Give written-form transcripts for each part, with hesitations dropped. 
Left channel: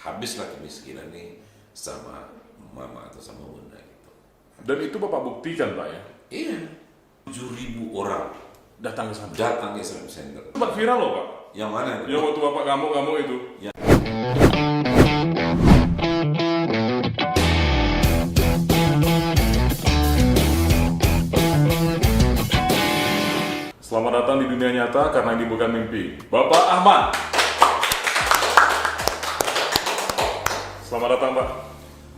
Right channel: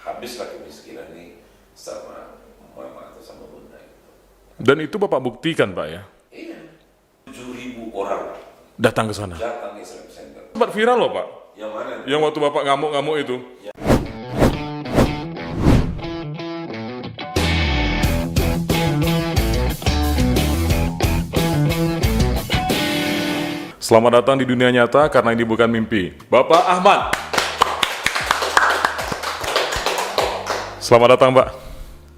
habislah kemiskinan ini sama mama atau sama bunda gitu. Dan itu Bapak buktikan Pak ya? Iya, 7.000 orang Datang ke sana. datang ke Islamic Center. Sempat viral loh Pak. Yang mana itu? Yang waktu Bapak ngamuk-ngamuk itu. Ya. Selamat datang di dunia nyata karena ini bukan mimpi. Bapak Ahmad. Selamat datang Pak.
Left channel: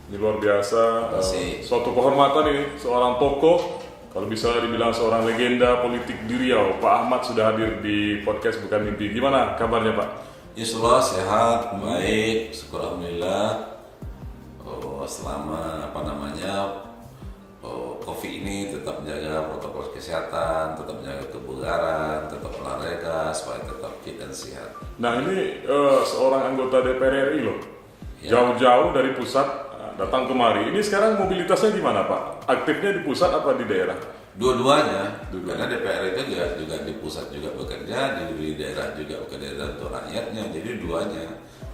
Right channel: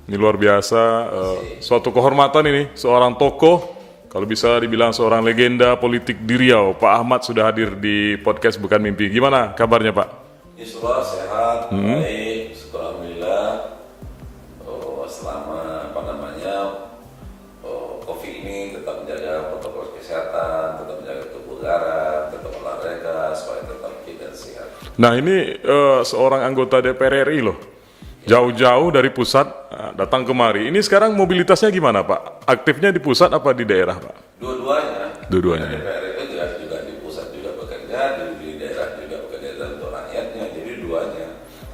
Ini luar biasa, suatu kehormatan ini, seorang tokoh, kalau bisa dibilang seorang legenda politik di Riau. Pak Ahmad sudah hadir di podcast Bukan Mimpi. Gimana kabarnya Pak? Insyaallah sehat, baik, syukur alhamdulillah. Selama COVID ini tetap menjaga protokol kesehatan, tetap menjaga kebugaran, tetap olahraga supaya tetap fit dan sehat. Nah ini seorang anggota DPR RI loh, jauh-jauh dari pusat datang kemari. Ini sekarang mobilitasnya gimana Pak? Aktifnya di pusat apa di daerah Pak? Dua-duanya. Dua-duanya. Karena DPR itu juga di pusat juga bekerja, di daerah juga bekerja untuk rakyatnya. Jadi duanya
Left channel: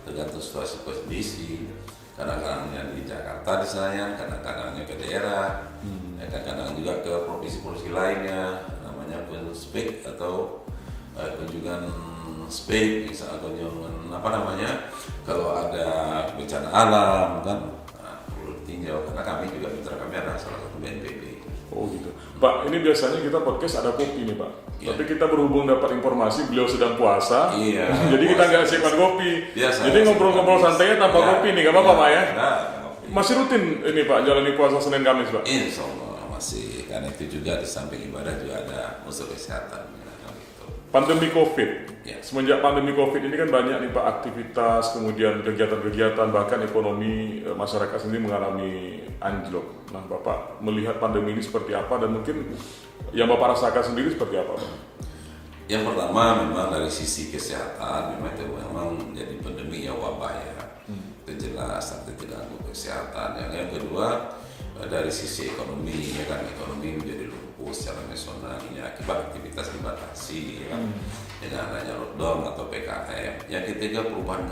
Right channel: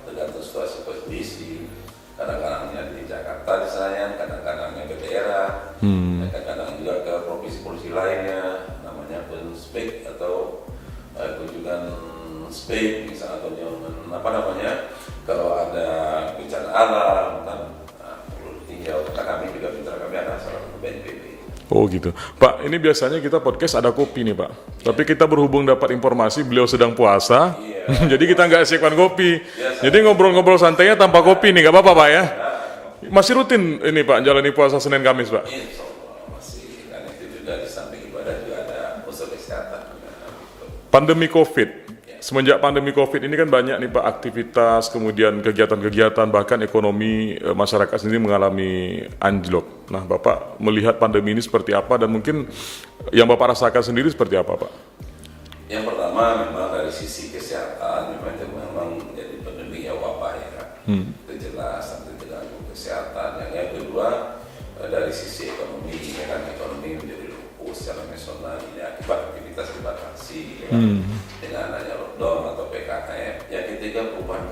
tergantung situasi kondisi. Kadang-kadangnya di Jakarta di Senayan, kadang-kadangnya ke daerah, kadang-kadang juga ke provinsi-provinsi lainnya, namanya spek atau kunjungan spek, misalnya kunjungan kalau ada bencana alam kan, hingga kami juga mitra kami ada salah satu BNPB. Oh gitu. Pak, ini biasanya kita podcast ada kopi nih Pak. Tapi kita berhubung dapat informasi beliau sedang puasa. Iya. Jadi kita nggak siapkan kopi. Biasa. Jadi ngobrol-ngobrol santainya tanpa kopi nih, nggak apa-apa Pak ya? Nah, Masih rutin ini Pak, jalani puasa Senin Kamis Pak? insya Allah masih, karena itu juga di samping ibadah juga ada unsur kesehatan. Pandemi COVID. Ya. Semenjak pandemi COVID ini kan banyak nih Pak aktivitas, kemudian kegiatan-kegiatan, bahkan ekonomi masyarakat sendiri mengalami anjlok. Nah Bapak melihat pandemi ini seperti apa dan mungkin yang Bapak rasakan sendiri seperti apa Pak? Yang pertama memang dari sisi kesehatan memang itu memang jadi pandemi ya, wabah ya. Itu jelas nanti terganggu kesehatan. Yang kedua dari sisi ekonomi ya kan, ekonomi menjadi lumpuh secara nasional ya, akibat aktivitas dibatasi ya, dengan adanya lockdown atau PKM. Yang ketiga perubahan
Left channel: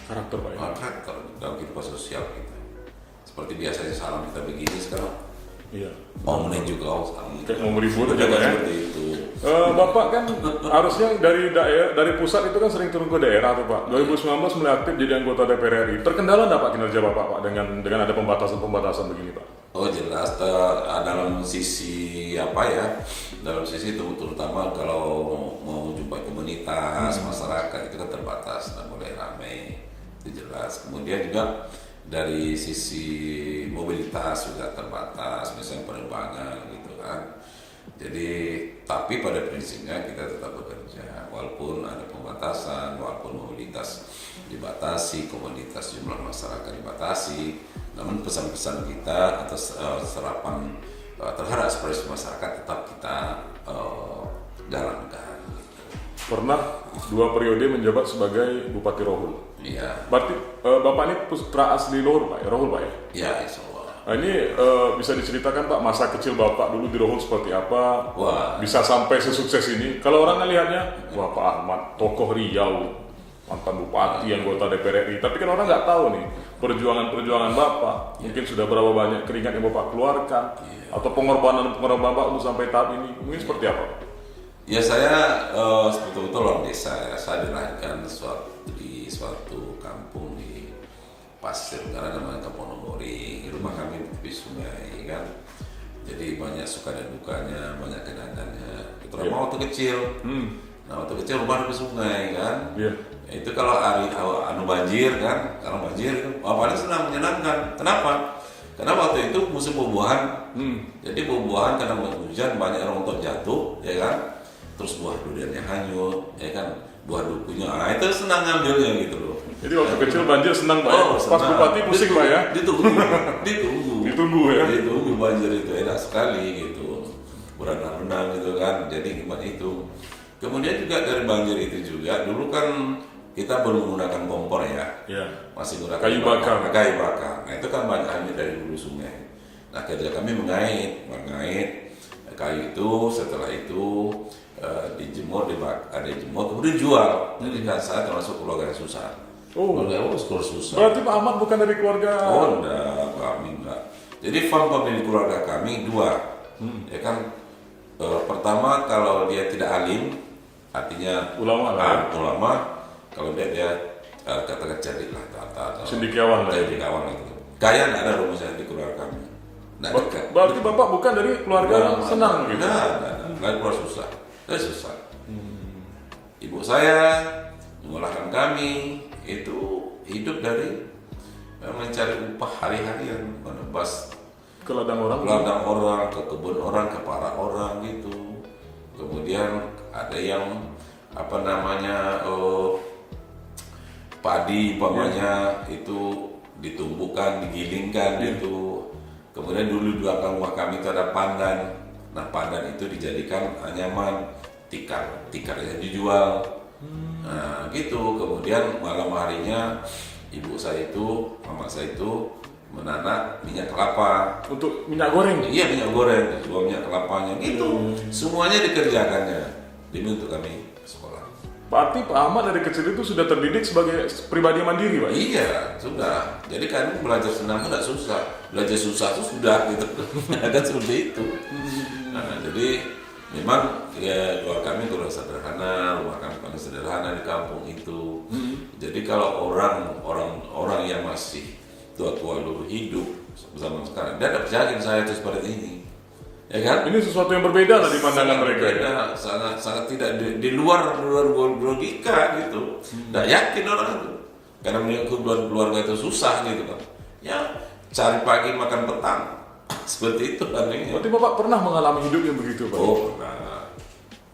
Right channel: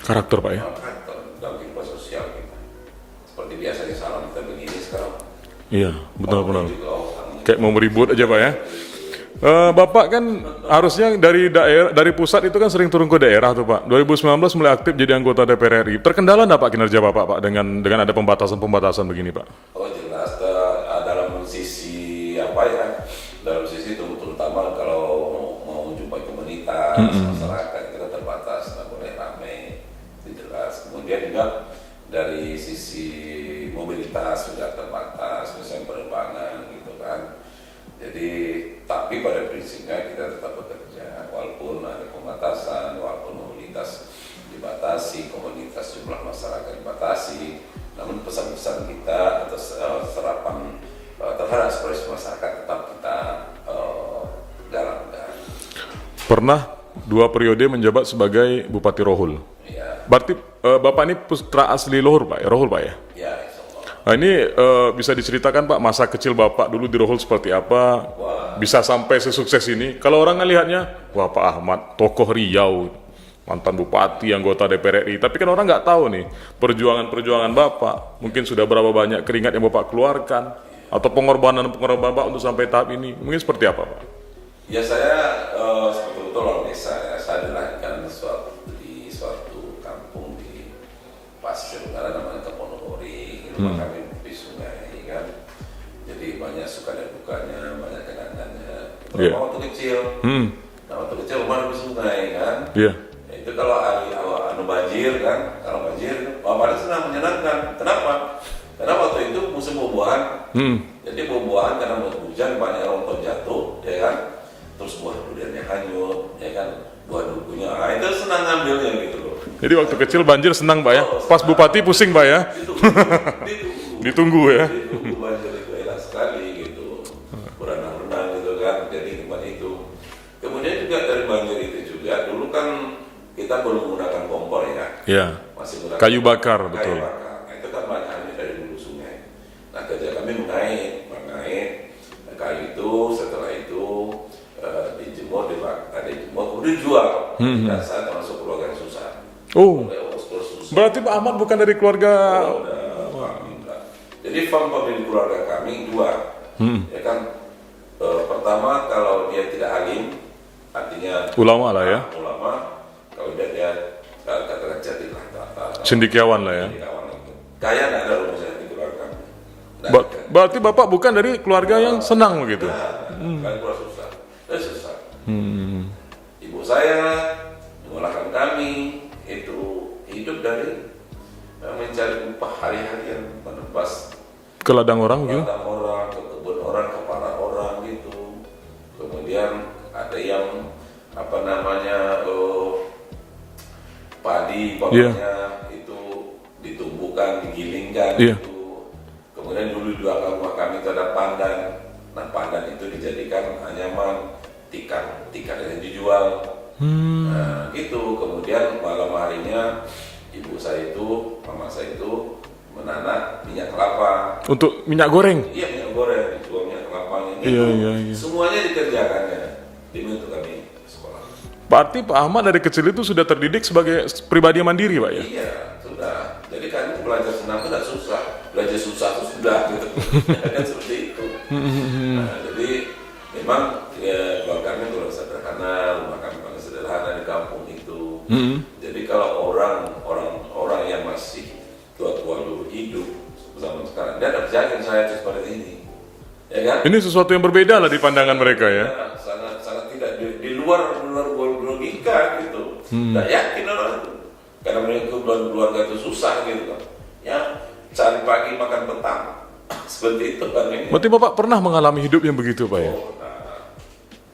Karakter Pak ya? karakter dalam kehidupan sosial kita. Seperti biasanya salon kita begini sekarang. Iya, benar-benar. Juga Kayak mau meribut aja Pak ya? Bapak kan harusnya dari pusat itu kan sering turun ke daerah tuh Pak. 2019 mulai aktif jadi anggota DPR RI. Terkendala nggak Pak kinerja Bapak Pak dengan ada pembatasan begini Pak? Oh jelas, dalam sisi dalam sisi terutama kalau mau jumpa komunitas, masyarakat kita terbatas, nggak boleh ramai, itu jelas. Kemudian juga dari sisi mobilitas juga terbatas, misalnya penerbangan gitu kan. Jadi, tapi pada prinsipnya kita tetap bekerja, walaupun ada pembatasan, walaupun mobilitas dibatasi, komunitas jumlah masyarakat dibatasi, namun pesan-pesan kita atas serapan terhadap aspirasi masyarakat tetap kita jalankan. Pernah 2 periode menjabat sebagai Bupati Rohul. Iya. Berarti Bapak ini putra asli Rohul Pak ya? Ya, insya Allah. Nah ini bisa diceritakan Pak masa kecil Bapak dulu di Rohul seperti apa? Wah. Bisa sampai sesukses ini? Kalau orang ngelihatnya, wah Pak Ahmad tokoh Riau, mantan bupati, anggota DPR RI. Tapi kan orang nggak tahu nih perjuangan Bapak. Mungkin sudah berapa banyak keringat yang Bapak keluarkan, atau pengorbanan Bapak untuk sampai tahap ini. Mungkin seperti apa Pak? Ya saya betul-betul orang desa ya. Saya dilahirkan di suatu kampung di Pasir Utara namanya Keponogori. Rumah kami di sungai kan. Jadi banyak suka dan dukanya, banyak kenangannya. Terutama waktu kecil. Nah waktu kecil rumah di sungai kan. Iya. Itu kalau hari banjir kan, kalau banjir bapaknya senang menyenangkan. Kenapa? Karena waktu itu musim buah-buahan. Jadi buah-buahan karena hujan banyak rontok jatuh, ya kan. Terus buah duriannya hanyut, ya kan. Buah dukunya, nah itu senang ngambilnya gitu loh. Jadi waktu kecil banjir senang Pak ya? Pas Senang. Bupati pusing Pak ya? Ditunggu ya? Ditunggu banjir itu enak sekali gitu. Berenang-renang gitu kan, jadi tempat itu. Kemudian juga dari banjir itu juga, dulu kan kita belum menggunakan kompor ya. Iya. Masih menggunakan Kayu bakar. Kayu bakar. Nah itu kan banyak air dari hulu sungai. Nah ketika kami mengait kayu itu, setelah itu dijemur, ada jemur, kemudian jual. Nah saya termasuk keluarga yang susah. Oh, sekolah susah. berarti Pak Ahmad bukan dari keluarga. Oh, udah kami enggak. Jadi faktor di keluarga kami dua, ya kan. Pertama kalau dia tidak alim, artinya Ulama lah ya. Ulama. Kalau dia katakan jadi lah, Cendekiawan lah ya. kawan itu. Kaya tidak ada rumusnya di keluarga kami. Nggak ada. Berarti Bapak bukan dari keluarga yang senang begitu. Nah, keluar susah, susah. Ibu saya mengalahkan kami itu hidup dari mencari upah hari-harian, menebas Ke ladang orang gitu. ladang orang, ke kebun orang, ke paran orang itu. Kemudian ada yang apa namanya padi bawahnya itu ditumbuhkan, digilingkan itu. Kemudian dulu di belakang rumah kami itu ada pandan. Nah pandan itu dijadikan anyaman, tikar yang dijual. Nah gitu. Kemudian malam harinya ibu saya itu, mama saya itu menanam minyak kelapa. Untuk minyak goreng. Iya minyak goreng, jual minyak kelapanya gitu. Iya. Semuanya dikerjakannya demi untuk kami sekolah. Berarti Pak Ahmad dari kecil itu sudah terdidik sebagai pribadi yang mandiri, Pak? Iya, sudah. Jadi kami belajar senam itu tidak susah, belajar susah itu sudah gitu. Kan seperti itu. Nah, jadi memang ya keluarga kami kurang sederhana, rumah kami kurang sederhana di kampung itu. Jadi kalau orang yang masih tua-tua dulu hidup zaman sekarang, dia tidak yakin saya itu seperti ini. Ya kan? Ini sesuatu yang berbeda lah di pandangan mereka ya. Sangat tidak di luar logika gitu. Tidak yakin orang itu. Karena mereka keluarga itu susah gitu kan. Ya cari pagi makan petang. Seperti itu kan ini. Berarti Bapak pernah mengalami hidup yang begitu, Pak? Oh, nah.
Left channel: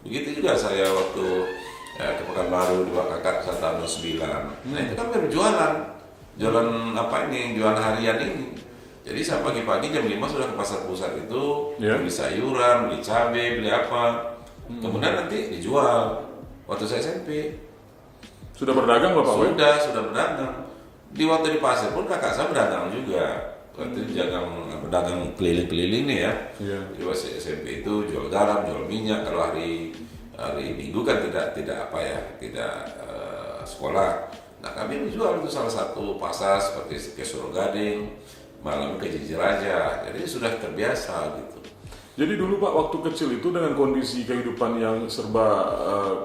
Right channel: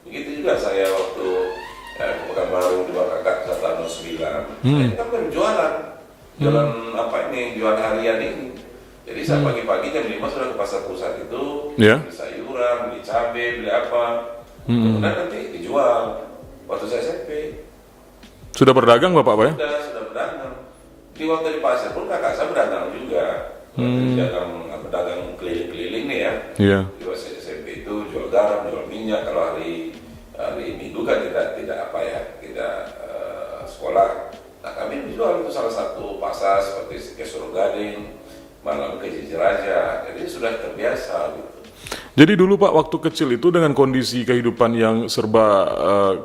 Begitu juga saya waktu ke Pekanbaru dua kakak 109. Saya kan berjualan. Jualan apa ini? Jualan harian ini. Jadi saya pagi-pagi jam 5 sudah ke pasar pusat itu, beli sayuran, beli cabai, beli apa. Kemudian nanti dijual. Waktu saya SMP. Sudah berdagang Bapak, Pak? Sudah berdagang. Di waktu di pasar pun kakak saya berdagang juga. Berdagang keliling-keliling nih ya. Iya. Di waktu SMP itu jual garam, jual minyak. Kalau hari Minggu kan tidak sekolah. Nah kami dijual itu salah satu pasar seperti ke Surogading, malam ke Jijiraja, jadi sudah terbiasa gitu. Jadi dulu Pak waktu kecil itu dengan kondisi kehidupan yang serba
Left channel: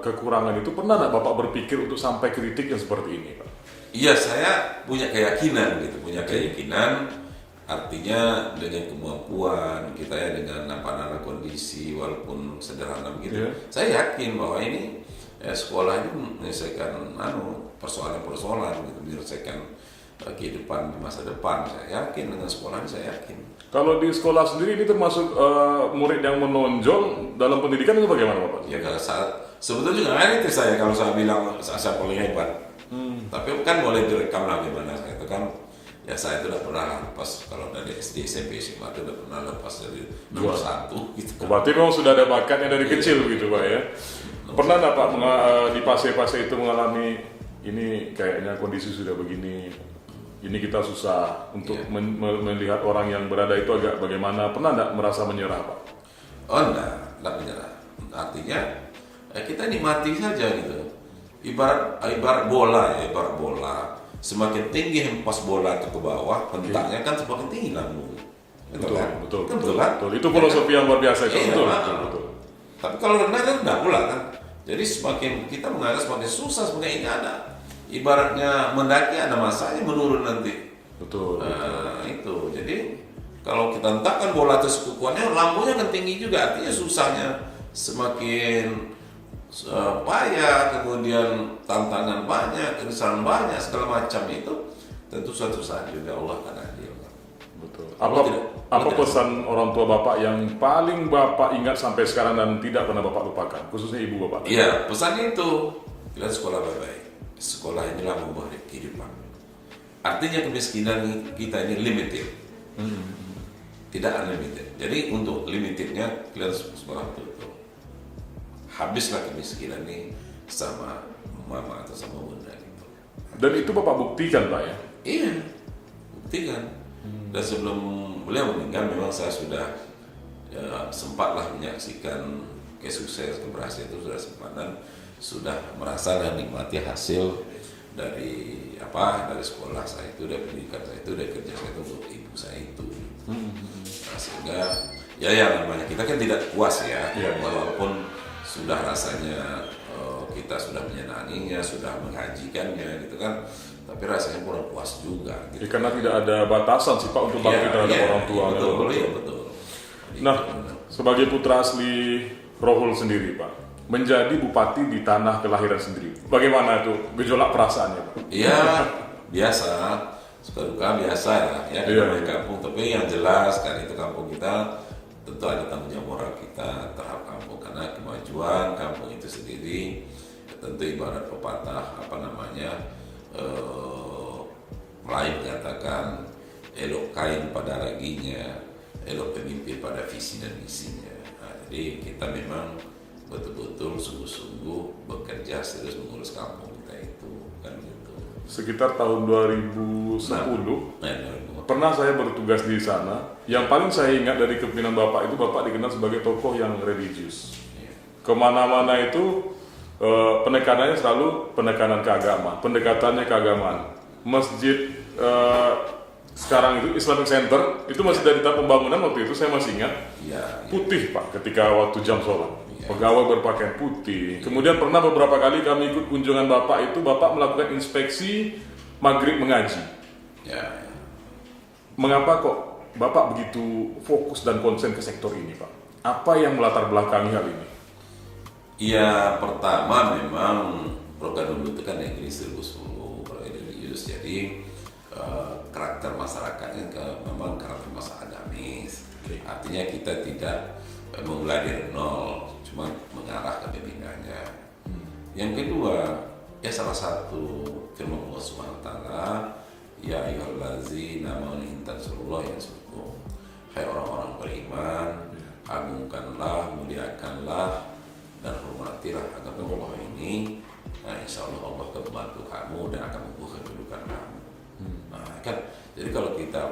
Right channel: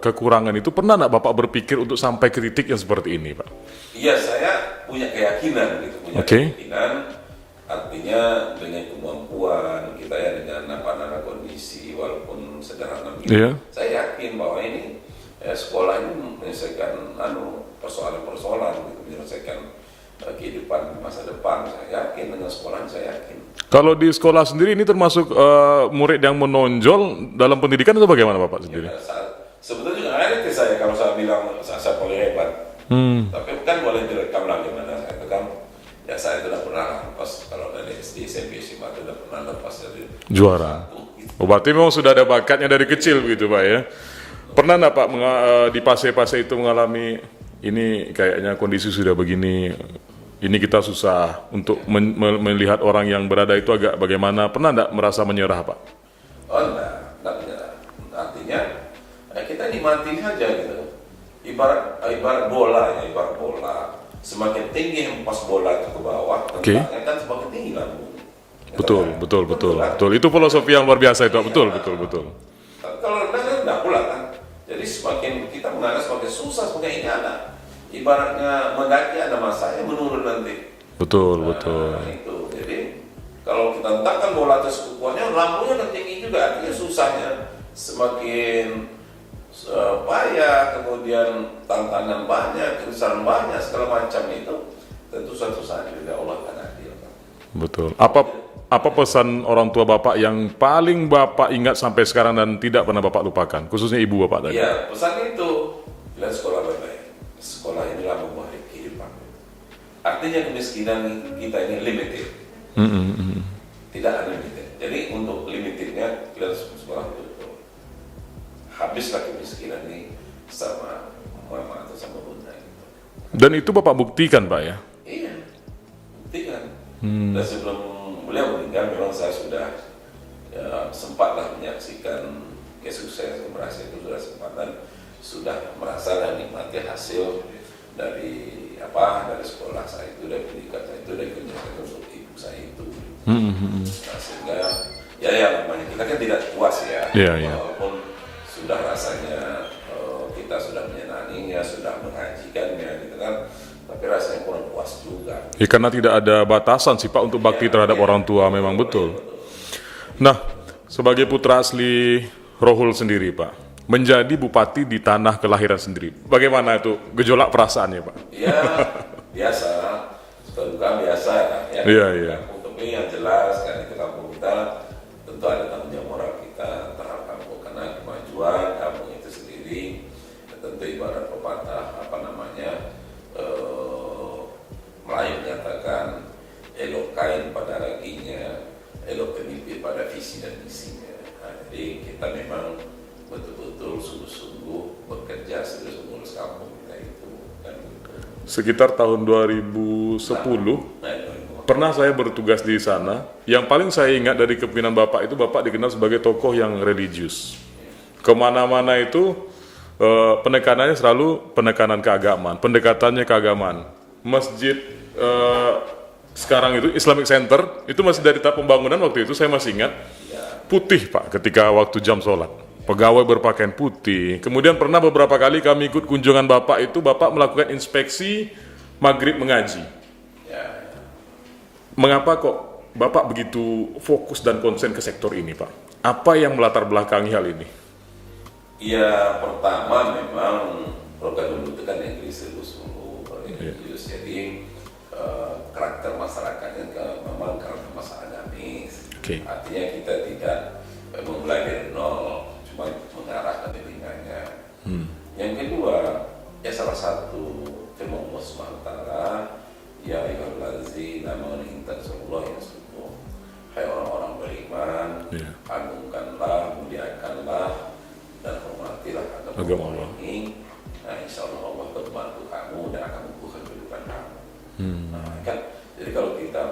kekurangan itu pernah nggak Bapak berpikir untuk sampai ke titik yang seperti ini Pak? Iya saya punya keyakinan gitu, keyakinan artinya dengan kemampuan kita ya dengan apa kondisi walaupun sederhana gitu, saya yakin bahwa ini sekolah ini menyelesaikan persoalan-persoalan gitu, menyelesaikan kehidupan masa depan. Saya yakin dengan sekolah saya yakin. Kalau di sekolah sendiri ini termasuk murid yang menonjol dalam pendidikan itu bagaimana Bapak sendiri? Ya, sebetulnya juga ini saya kalau saya bilang saya boleh hebat. Tapi kan boleh direkam lah gimana saya itu kan. Ya saya itu udah pernah lepas kalau dari SD SMP sih Pak udah pernah lepas dari juara. Gitu. Oh, berarti memang sudah ada bakatnya dari kecil gitu Pak ya. Pernah nggak Pak di fase-fase itu mengalami ini kayaknya kondisi sudah begini, ini kita susah untuk melihat orang yang berada itu agak bagaimana, pernah nggak merasa menyerah Pak? Oh enggak menyerah. Artinya kita nikmati saja gitu. Ibarat bola ya, ibarat bola. Semakin tinggi hempas bola ke bawah, tentangnya kan semakin tinggi lambung. Betul. Itu filosofi yang luar biasa itu. Betul. Tapi kalau rendah kan enggak pula kan. Jadi semakin kita mengalah semakin susah, semakin ini ada. Ibaratnya mendaki ada masanya menurun nanti. Betul. Itu. Jadi kalau kita hentakkan bola atas kukuannya, lambungnya kan tinggi juga. Artinya susahnya semakin payah, kemudian tantangan banyak, kesusahan banyak, segala macam itu. Tentu suatu saat juga Allah akan adil. Betul. Apa pesan orang tua Bapak yang paling Bapak ingat sampai sekarang dan tidak pernah Bapak lupakan, khususnya ibu Bapak tadi? Iya, pesan itu, kita sekolah baik-baik. Sekolah inilah membuat kehidupan. Artinya kemiskinan kita ini limited, tidak unlimited. Jadi untuk limitednya kita harus sekolah betul. Habislah kemiskinan ini sama mama atau sama bunda. Gitu. Dan itu Bapak buktikan Pak ya? Iya, buktikan. Dan sebelum beliau meninggal memang saya sudah sempatlah menyaksikan kesuksesan keberhasilan itu sudah sempat dan sudah merasa dan nikmati hasil dari dari sekolah saya itu, dari pendidikan saya itu, dari kerja saya itu untuk ibu saya itu. Nah, sehingga ya yang namanya kita kan tidak puas ya, walaupun sudah rasanya kita sudah menyenanginya, sudah mengajikannya gitu kan, tapi rasanya kurang puas juga. Ya, karena tidak ada batasan sih Pak untuk bakti terhadap orang tua, memang betul. Nah, sebagai putra asli Rohul sendiri Pak, menjadi bupati di tanah kelahiran sendiri, bagaimana itu gejolak perasaannya Pak? Iya, biasa, suka duka biasa ya, di kampung. Tapi yang jelas kan itu kampung kita tentu ada tanggung jawab moral kita terhadap kampung, karena kemajuan kampung itu sendiri tentu ibarat pepatah Melayu menyatakan elok kain pada raginya, elok pemimpin pada visi dan misinya. Nah, jadi kita memang betul-betul sungguh-sungguh bekerja serius mengurus kampung kita itu kan. Sekitar tahun 2010 pernah saya bertugas di sana. Yang paling saya ingat dari kepemimpinan Bapak itu, Bapak dikenal sebagai tokoh yang religius. Kemana-mana itu penekanannya selalu penekanan keagamaan, pendekatannya keagamaan. Masjid sekarang itu Islamic Center itu masih dari tahap pembangunan, waktu itu saya masih ingat putih Pak ketika waktu jam sholat, pegawai berpakaian putih. Kemudian pernah beberapa kali kami ikut kunjungan Bapak itu, Bapak melakukan inspeksi maghrib mengaji. Mengapa kok Bapak begitu fokus dan konsen ke sektor ini Pak? Apa yang melatar belakangi hal ini? Ya, pertama memang program dulu itu kan yang religius, jadi karakter masyarakatnya memang karakter masyarakat agamis. Artinya kita tidak memulai dari nol, cuma mengarah ke pembinaannya. Yang kedua, ya salah satu firman Allah SWT, ya ayyuhallazina amanu in tansurullaha yansurkum. Hai orang-orang beriman, agungkanlah, muliakanlah dan hormatilah agama Allah ini. Nah, insya Allah Allah akan membantu kamu dan akan membuka kehidupan kamu. Nah, kan, jadi kalau kita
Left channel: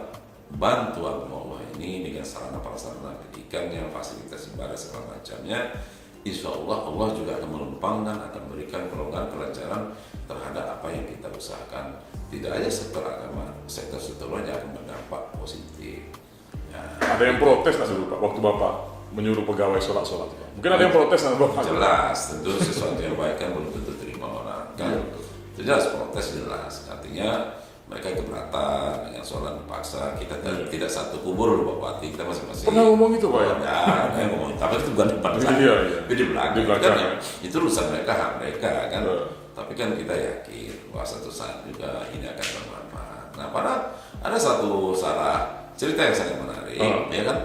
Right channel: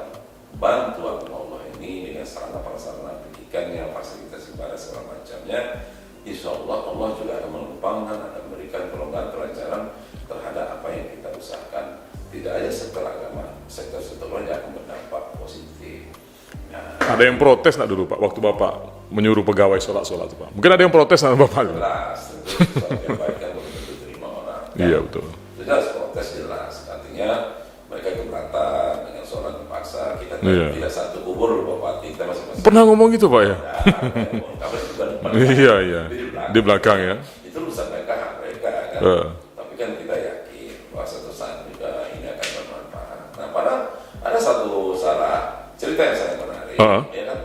bantu agama Allah ini dengan sarana prasarana pendidikannya, fasilitas ibadah segala macamnya, insya Allah Allah juga akan melempangkan, akan memberikan kelonggaran kelancaran terhadap apa yang kita usahakan. Tidak hanya sektor agama, sektor-sektor lain akan berdampak positif. Ada yang protes nak dulu Pak, waktu Bapak menyuruh pegawai sholat Pak? Mungkin ada yang protes nak Bapak? Jelas, tentu sesuatu yang baik kan belum tentu terima orang. Iya betul. Jelas protes jelas, artinya mereka keberatan dengan sholat paksa. Kita tidak satu kubur loh Bapak, kita masing-masing. Pernah ngomong gitu Pak ya? Ya, ngomong, tapi itu bukan depan. Iya. Di belakang ya. Itu urusan mereka, hak mereka kan. Tapi kan kita yakin bahwa satu saat juga ini akan bermanfaat. Nah, padahal ada satu cerita yang sangat menarik, ya kan?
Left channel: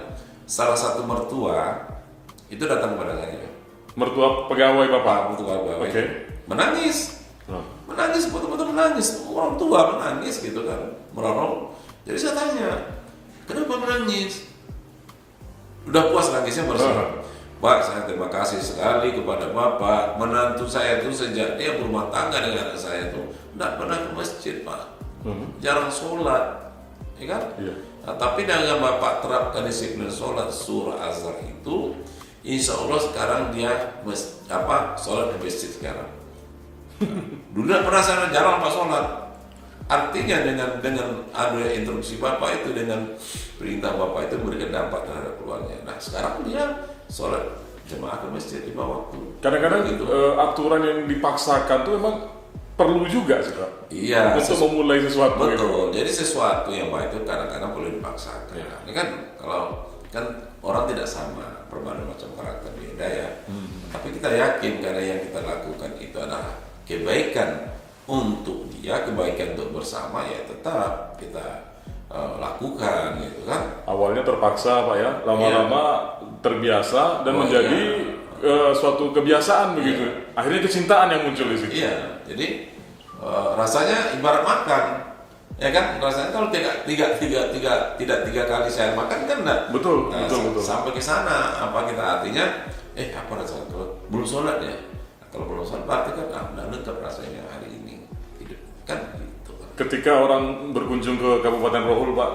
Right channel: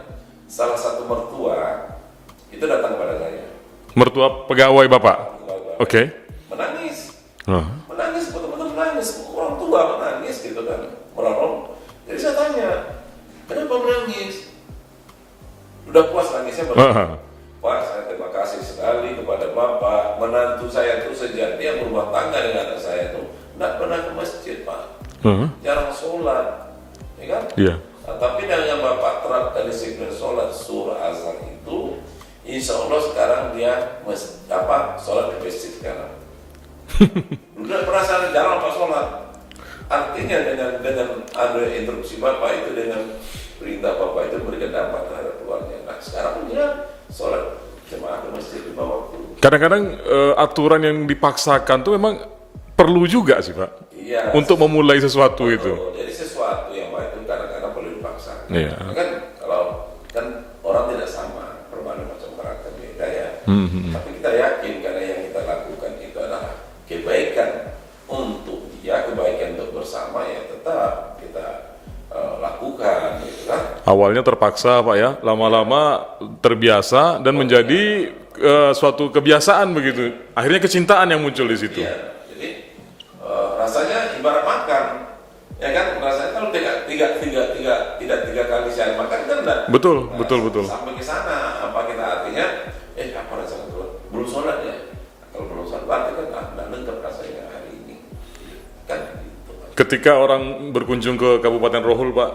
Salah satu mertua itu datang kepada saya. Mertua pegawai Bapak? Oke. Menangis, betul-betul menangis. Orang tua menangis gitu kan, merorong. Jadi saya tanya, kenapa menangis? Udah puas nangisnya baru. Pak, saya terima kasih sekali kepada Bapak. Menantu saya itu sejak dia berumah tangga dengan anak saya itu tidak pernah ke masjid Pak, jarang sholat, ya kan? Nah, tapi dengan Bapak terapkan disiplin sholat surah azhar itu, insya Allah sekarang dia sholat di masjid sekarang. Dulu tidak pernah sana, jarang lama sholat. Artinya dengan instruksi Bapak itu, dengan perintah Bapak itu memberikan dampak terhadap keluarga. Nah sekarang dia sholat jemaah ke masjid 5 waktu. Kadang-kadang aturan yang dipaksakan tuh memang perlu juga sih Pak. Iya. Untuk memulai sesuatu betul. itu. Jadi sesuatu yang baik itu kadang-kadang perlu dipaksakan. Nah, kan kalau kan orang tidak sama, berbagai macam karakter beda ya. Tapi kita yakin karena yang kita lakukan itu adalah kebaikan untuk dia, kebaikan untuk bersama, ya tetap kita lakukan gitu kan. Awalnya terpaksa Pak ya, lama-lama terbiasa dan menjadi suatu kebiasaan begitu. Akhirnya kecintaan yang muncul di situ. Iya, jadi rasanya ibarat makan, ya kan? Rasanya kalau tidak tiga kali sehari makan kan enggak. Betul. Sampai ke sana, apa kita artinya? Apa rasanya belum sholat ya? Kalau belum sholat berarti kan udah lengkap rasanya hari ini, kan? Ketika orang berkunjung ke Kabupaten Rohul Pak,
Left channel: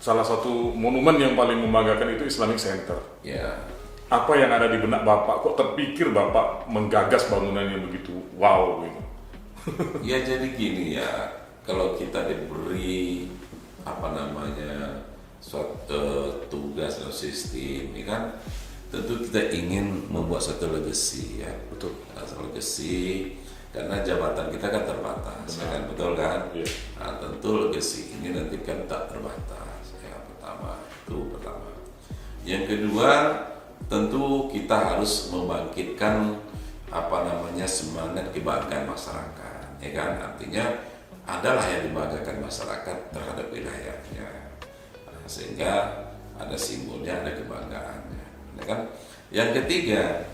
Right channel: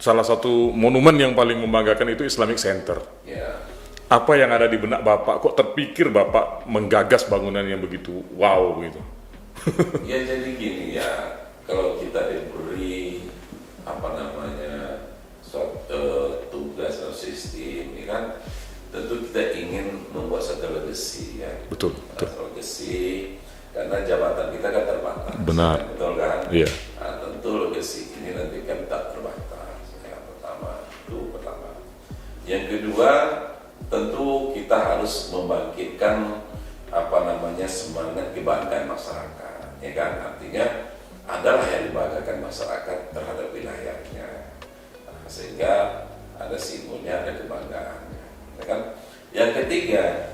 salah satu monumen yang paling membanggakan itu Islamic Center. Apa yang ada di benak Bapak? Kok terpikir Bapak menggagas bangunan yang begitu wow gitu? Ya jadi gini ya, kalau kita diberi apa namanya suatu tugas atau sistem, ya kan, tentu kita ingin membuat satu legacy ya. Betul. Legacy, karena jabatan kita kan terbatas. Benar. Betul kan? Iya. Nah, tentu legacy ini nanti kan tak terbatas. Yang pertama. Yang kedua, tentu kita harus membangkitkan apa namanya semangat kebanggaan masyarakat, ya kan? Artinya adalah yang dibanggakan masyarakat terhadap wilayahnya, sehingga ada simbolnya, ada kebanggaannya, ya kan? Yang ketiga,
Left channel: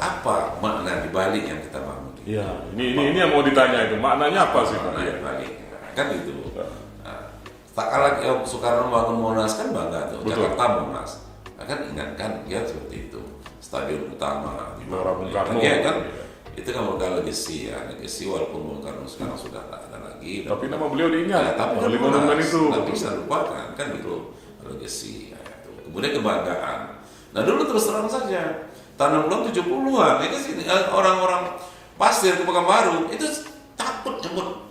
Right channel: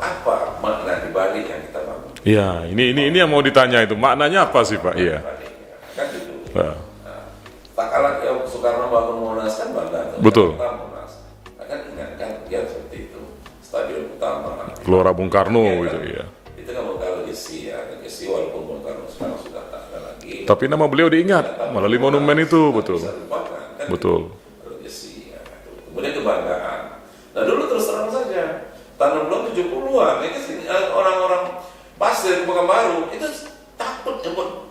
apa makna dibalik yang kita bangun? Iya, ini yang mau ditanya itu, maknanya apa sih Pak? Iya. Kan itu. Nah. Tak kalah Soekarno bangun Monas kan bangga tuh. Betul. Jakarta Monas. Kan ingatkan dia seperti itu. Stadion utama. Gelora Bung Karno ya, gitu kan? ya. Itu kan bakal legacy ya. Legacy walaupun Bung Karno sekarang sudah tak ada lagi. Tapi nama beliau diingat tapi melalui Monas, monumen itu, tak betul. bisa lupakan, kan? Betul. Legacy ya. Kemudian kebanggaan. Nah dulu terus terang saja. Tahun 70-an, ini sini orang-orang pasir Pekanbaru itu takut nyebut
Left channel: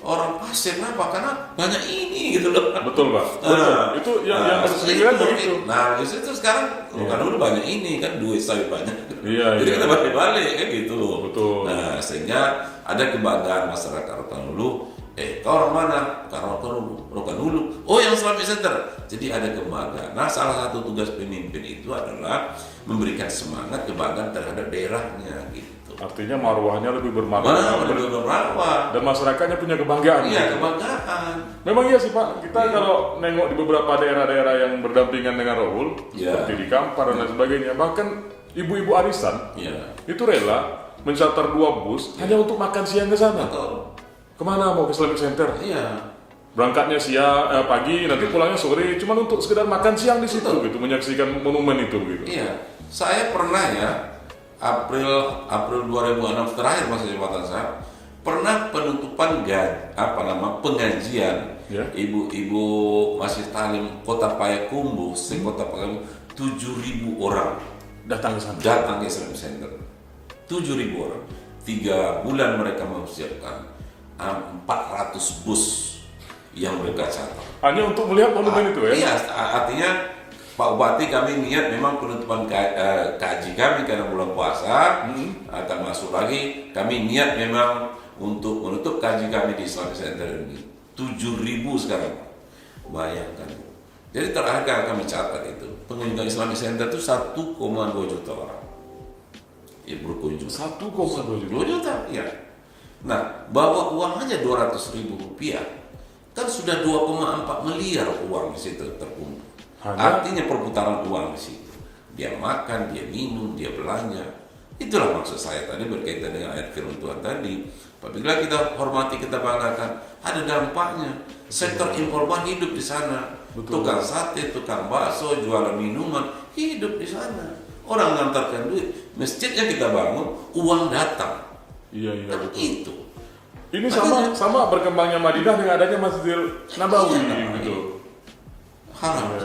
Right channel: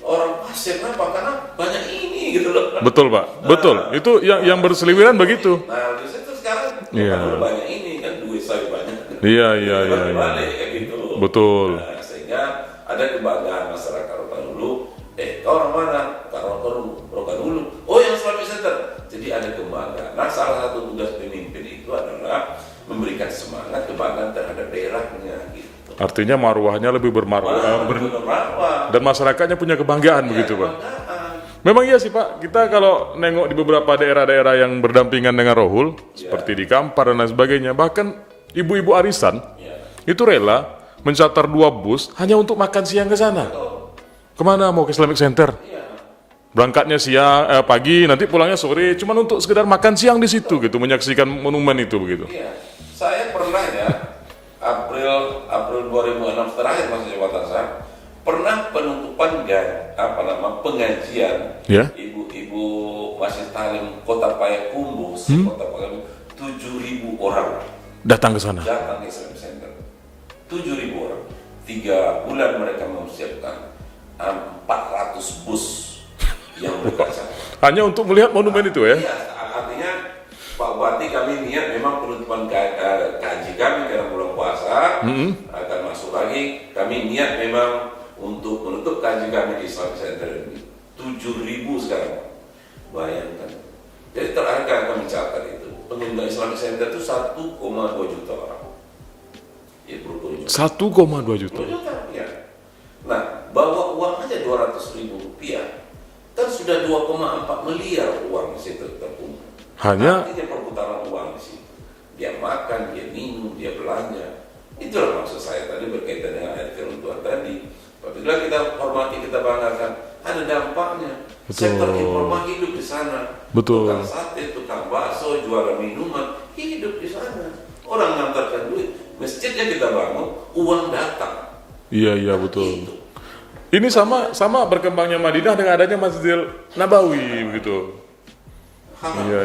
orang pasir, kenapa? Karena banyak ini gitu loh. Betul Pak, betul. Itu yang berseliweran begitu. Nah di situ sekarang kan udah banyak ini kan, duit sawit banyak. Iya. Balik kan gitu. Betul. Nah sehingga ada kebanggaan masyarakat Rokan Hulu. Kau orang mana? Rokan Hulu. Oh yang Islamic Center. Jadi ada kebanggaan. Nah salah satu tugas pemimpin itu adalah memberikan semangat kebanggaan terhadap daerahnya gitu. Artinya marwahnya lebih bermarwah dan masyarakatnya punya kebanggaan Iya, gitu Pak. kebanggaan. Memang iya sih Pak, kita kalau nengok di beberapa daerah-daerah yang berdampingan dengan Rohul, seperti di Kampar dan lain sebagainya, bahkan ibu-ibu arisan itu rela mencatar 2 bus hanya untuk makan siang ke sana. Kemana mau ke Islamic Center? Iya. Berangkatnya pagi, nanti pulangnya sore, cuma untuk sekedar makan siang di situ gitu, menyaksikan monumen itu begitu. Iya, saya pernah ya April 2006 terakhir masa jabatan saya pernah penutupan pengajian ibu-ibu Masjid Talim Kota Payakumbuh, Kota Payakumbuh 7.000 orang datang ke sana. Datang ke Islamic Center. 7.000 orang. 3 bulan mereka mempersiapkan 400 bus yang berkaca. Hanya untuk melihat monumen itu ya? Iya, artinya Pak Bupati kami niat memang penutupan kaji kami karena bulan puasa akan masuk lagi. Kami niat memang untuk menutup kaji kami di Islamic Center ini 7.000 sekarang. Bayangkan. Jadi terakhir kami catat itu pengunjung Islamic Center itu 1,2 juta orang. Ya berkunjung. 1,2 juta. 2 juta, ya. Nah, bawa uang aja 200.000 rupiah, kan sudah 2,4 miliar uang di situ terkumpul. Artinya perputaran uang di situ. Dia makan, dia minum, dia belanja. Itulah maksud saya tadi berkaitan dengan ayat firman Tuhan tadi. Apabila kita hormati, kita banggakan, ada dampaknya. Betul. Sektor informal hidup di sana. Betul. Tukang sate, tukang bakso, jualan minuman, hidup di sana. Orang ngantarkan duit, masjidnya kita bangun, uang datang. Iya betul. Itu. Ini sama berkembangnya Madinah dengan adanya Masjidil Nabawi gitu. Iya.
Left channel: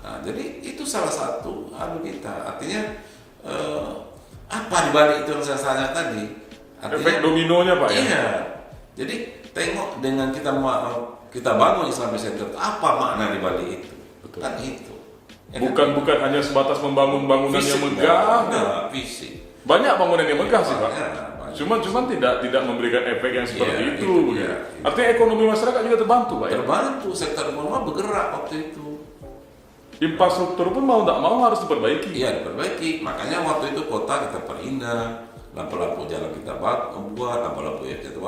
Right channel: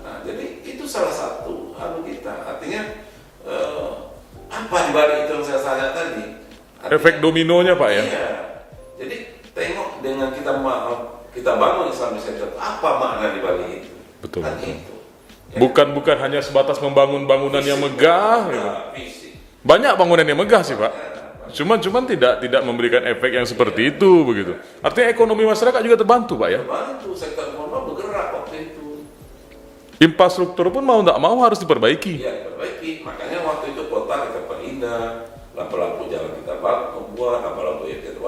Nah, jadi itu salah satu hal kita. Artinya apa dibalik itu yang saya tanya tadi? Artinya, efek dominonya Pak ya. Iya. Jadi tengok dengan kita bangun Islamic Center, apa makna dibalik itu? Betul. Kan itu. Ya, Bukan hanya sebatas membangun bangunan yang megah. Fisik. Banyak bangunan yang megah sih Pak. Cuman tidak memberikan efek yang seperti itu begitu. Artinya ekonomi masyarakat juga terbantu Pak ya. Terbantu, sektor informal bergerak waktu itu. Infrastruktur pun mau tidak mau harus diperbaiki. Iya diperbaiki. Makanya waktu itu kota kita perindah, lampu-lampu jalan kita buat, lampu-lampu yang kita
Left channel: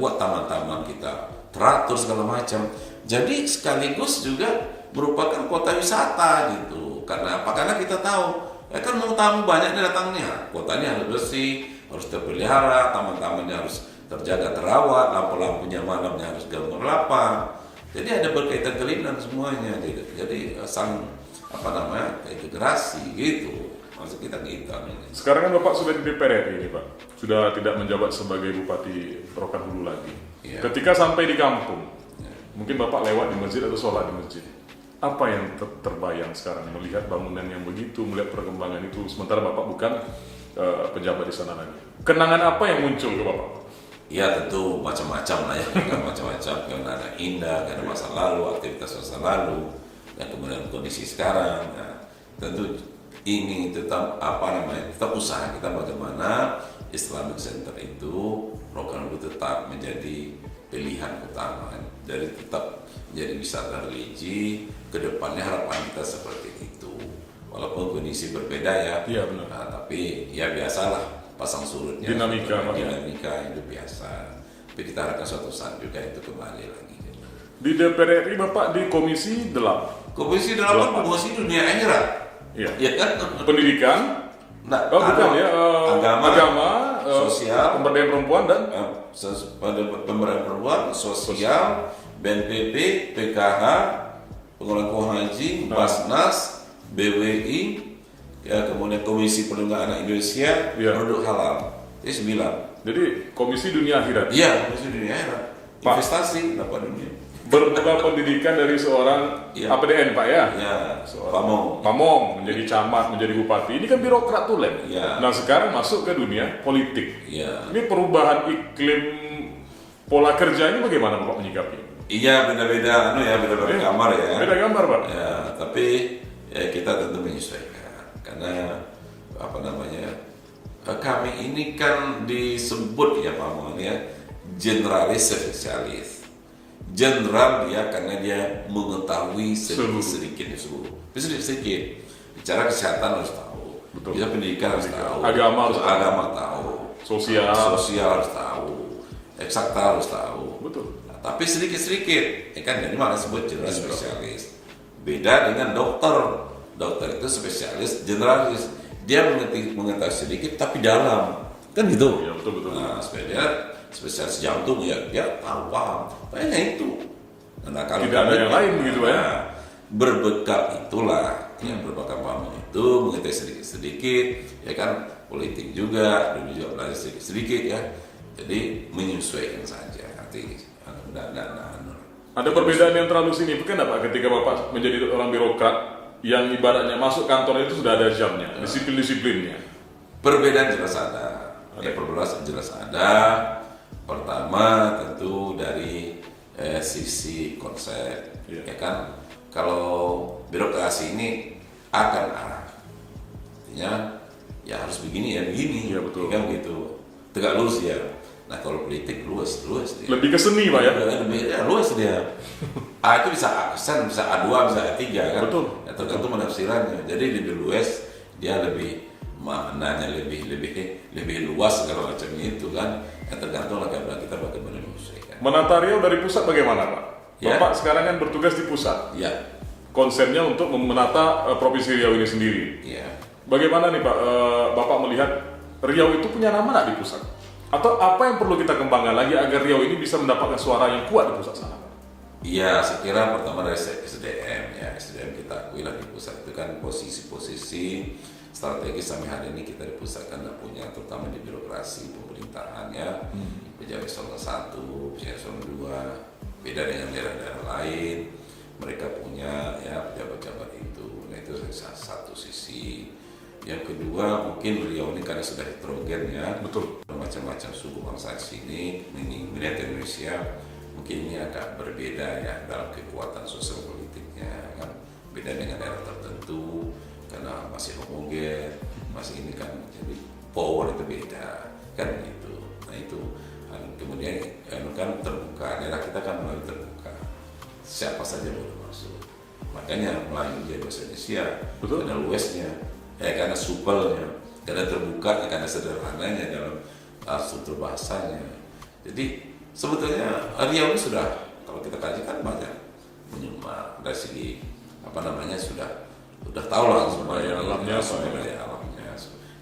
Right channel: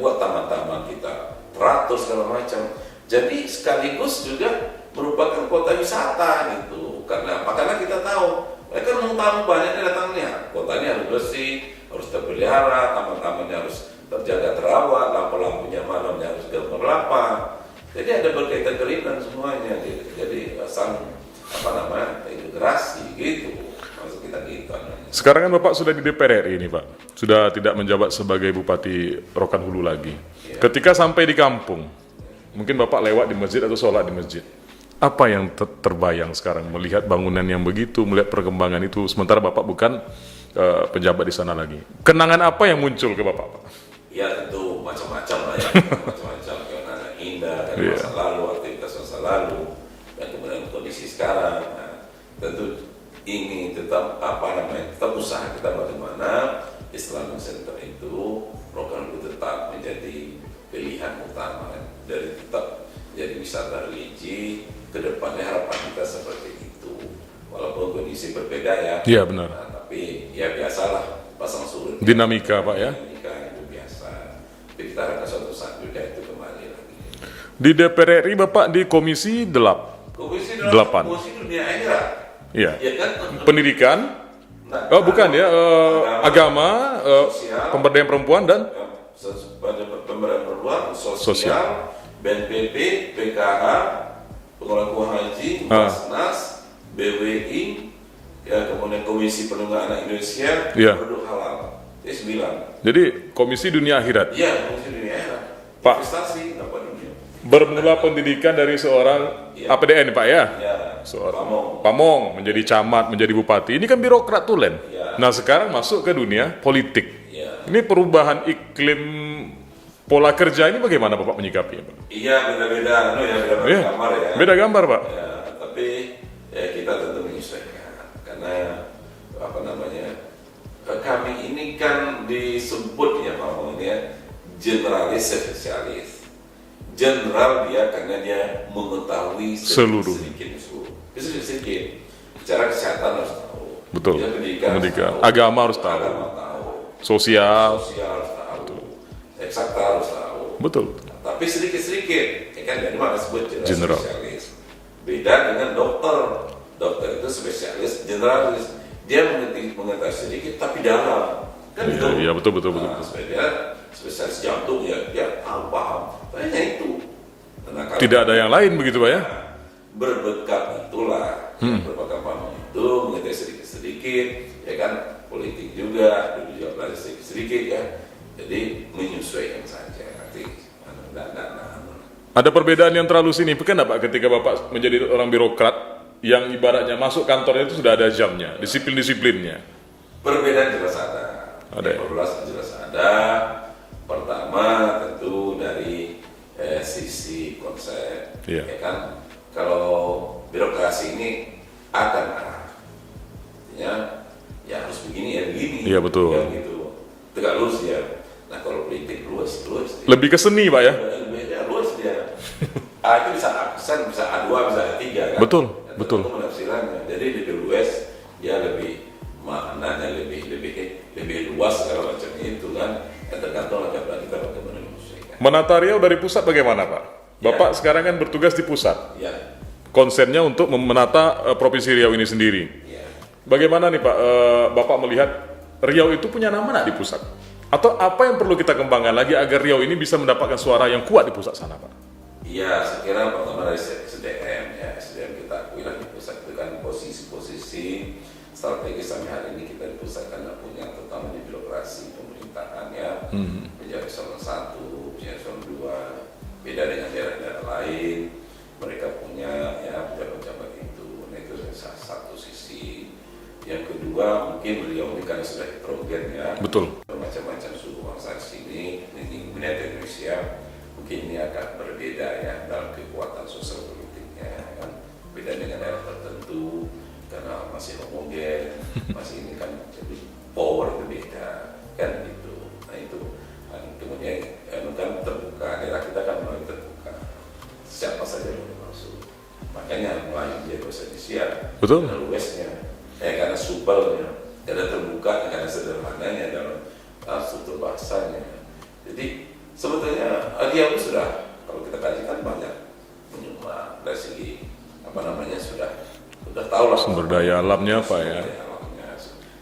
buat, taman-taman kita teratur segala macam. Jadi sekaligus juga merupakan kota wisata gitu. Karena apa? Karena kita tahu kan mau tamu banyaknya datangnya. Kotanya harus bersih, harus terpelihara, taman-tamannya harus terjaga terawat, lampu-lampunya malamnya harus gemerlapan. Jadi ada berkaitan keringan semuanya. Jadi integrasi gitu. Maksud kita gitu. Sekarang kan Bapak sudah di DPR RI ini Pak. Sudah tidak menjabat sebagai Bupati Rokan Hulu lagi. Ya. Ketika sampai di kampung, mungkin Bapak lewat di masjid atau sholat di masjid. Apa yang terbayang sekarang melihat bangunan yang begitu, melihat perkembangan itu, sementara Bapak bukan pejabat di sana lagi. Kenangan apa yang muncul ke Bapak? Ya tentu macam-macam lah ya, macam-macam kenangan indah dari Iya. masa lalu, aktivitas masa lalu, dan kemudian kondisi sekarang. Nah, tentu ini tetap tetap usaha kita bagaimana Islamic Center itu program itu tetap menjadi pilihan utama dari tetap menjadi wisata religi. Kedepannya harapan kita seperti itu, walaupun kondisi berbeda ya. Iya, benar. Nah, tapi ya biasalah pasang surut. Dinamika, Pak, ya. Dinamika itu biasa. Tapi kita harapkan suatu saat juga itu kembali lagi. Di DPR RI Bapak di Komisi 8. Komisi Delapan. Komisi Dunia Akhirat. Iya. Ya kan? Pendidikan, Nah, bukan ya, agama, sosial, pemberdayaan perempuan dan pemberdayaan perempuan, Sosial. sosial, BNPB, PKH, pengelola haji, Basnas, BWI, ya kemudian Komisi Perlindungan Anak Indonesia, Iya. Produk Halal. Jadi 9. jadi Komisi Dunia Akhirat. Iya, Komisi Dunia Akhirat. Pak. Investasi apa dunia? Bernama pendidikan dari seorang Iya. APDN Pak ya. Ya, Seorang Pamong menjadi camat, menjadi bupati. Ini kan birokrat tulen. Iya. Nah sekarang masuk ke dunia politik. Iya. Ini perubahan iklim pola kerja ini bagaimana Bapak menyikapi? Iya, beda-beda beda-beda Iya. kamar ya. Beda gambar Pak. Ya, tapi ya kita tentu menyesuaikan karena kami ini kan disebut ya Pak Mohon ya generalis spesialis. General dia karena dia mengetahui Seluruh. sedikit. Bicara kesehatan harus tahu. Betul. Bicara pendidikan harus Pendidikan. tahu. Agama harus tahu. Agama tahu. Sosial. Sosial harus tahu. Eksakta harus tahu. Betul. Tapi sedikit-sedikit, ya kan dari mana sebut General. spesialis. Beda dengan dokter. Dokter itu spesialis, generalis. Dia mengetahui sedikit tapi dalam. Kan Iya, gitu. iya, betul. Nah, spesialis jantung ya dia tahu paham. Hanya itu. Nah, kalau Tidak ada kami- yang lain begitu Pak ya? Nah, berbekal itulah, berbekal paham itu mengetahui sedikit-sedikit, ya kan politik juga, dulu juga belajar sedikit-sedikit ya. Jadi menyesuaikan saja nanti. Ada perbedaan yang terlalu signifikan nggak Pak ketika Bapak menjadi orang birokrat yang ibaratnya masuk kantornya itu sudah ada jamnya, disiplin-disiplinnya. Perbedaan jelas ada. Ada. Perbedaan jelas ada. Pertama tentu dari sisi konsep, Iya. ya kan. Kalau birokrasi ini akan arah, artinya ya harus begini ya begini. Iya, betul. Ya gitu. Tegak lurus ya. Nah kalau politik luas dia. Lebih ke seni Pak ya? Ya, luas dia. A itu bisa aksen, bisa A2, bisa A3 kan. Betul, Nah, betul. Itu menafsirannya. Jadi lebih luas, dia lebih maknanya lebih luas segala macam itu kan. Ya, tergantung bagaimana kita bagaimana menyesuaikan. Menata Riau dari pusat bagaimana Pak? Ya. Bapak sekarang kan bertugas di pusat. Ya, Konsepnya untuk menata Provinsi Riau ini sendiri. ya. Bagaimana nih Pak, Bapak melihat Riau itu punya nama nggak di pusat? Atau apa yang perlu kita kembangkan lagi agar Riau ini bisa mendapatkan suara yang kuat di pusat sana Pak? Iya, saya kira pertama dari SDM ya, SDM kita akui lah di pusat itu kan posisi-posisi strategis sampai hari ini kita di pusat kan punya, terutama di birokrasi pemerintahan ya, pejabat eselon 1, pejabat eselon 2, beda dengan daerah-daerah lain, mereka punya ya pejabat-pejabat itu, nah itu satu sisi. Yang kedua mungkin Riau ini karena sudah heterogen ya, Betul. macam-macam suku bangsa di sini, miniatur Indonesia. Mungkin ini agak berbeda ya dalam kekuatan sosial politiknya kan, beda dengan daerah tertentu karena masih homogen, masih ini kan, jadi power itu beda kan gitu. Nah itu dan kemudian kan terbuka, daerah kita kan mulai terbuka, siapa saja boleh masuk, makanya mulai menjadi bahasa Indonesia. Betul. Karena luasnya, karena supelnya, karena terbuka, karena sederhananya dalam struktur bahasanya. Jadi sebetulnya Riau itu sudah, kalau kita kaji kan banyak menyumbang dari segi sudah tahu lah Sumber daya alamnya apa ya? Sumber daya alamnya,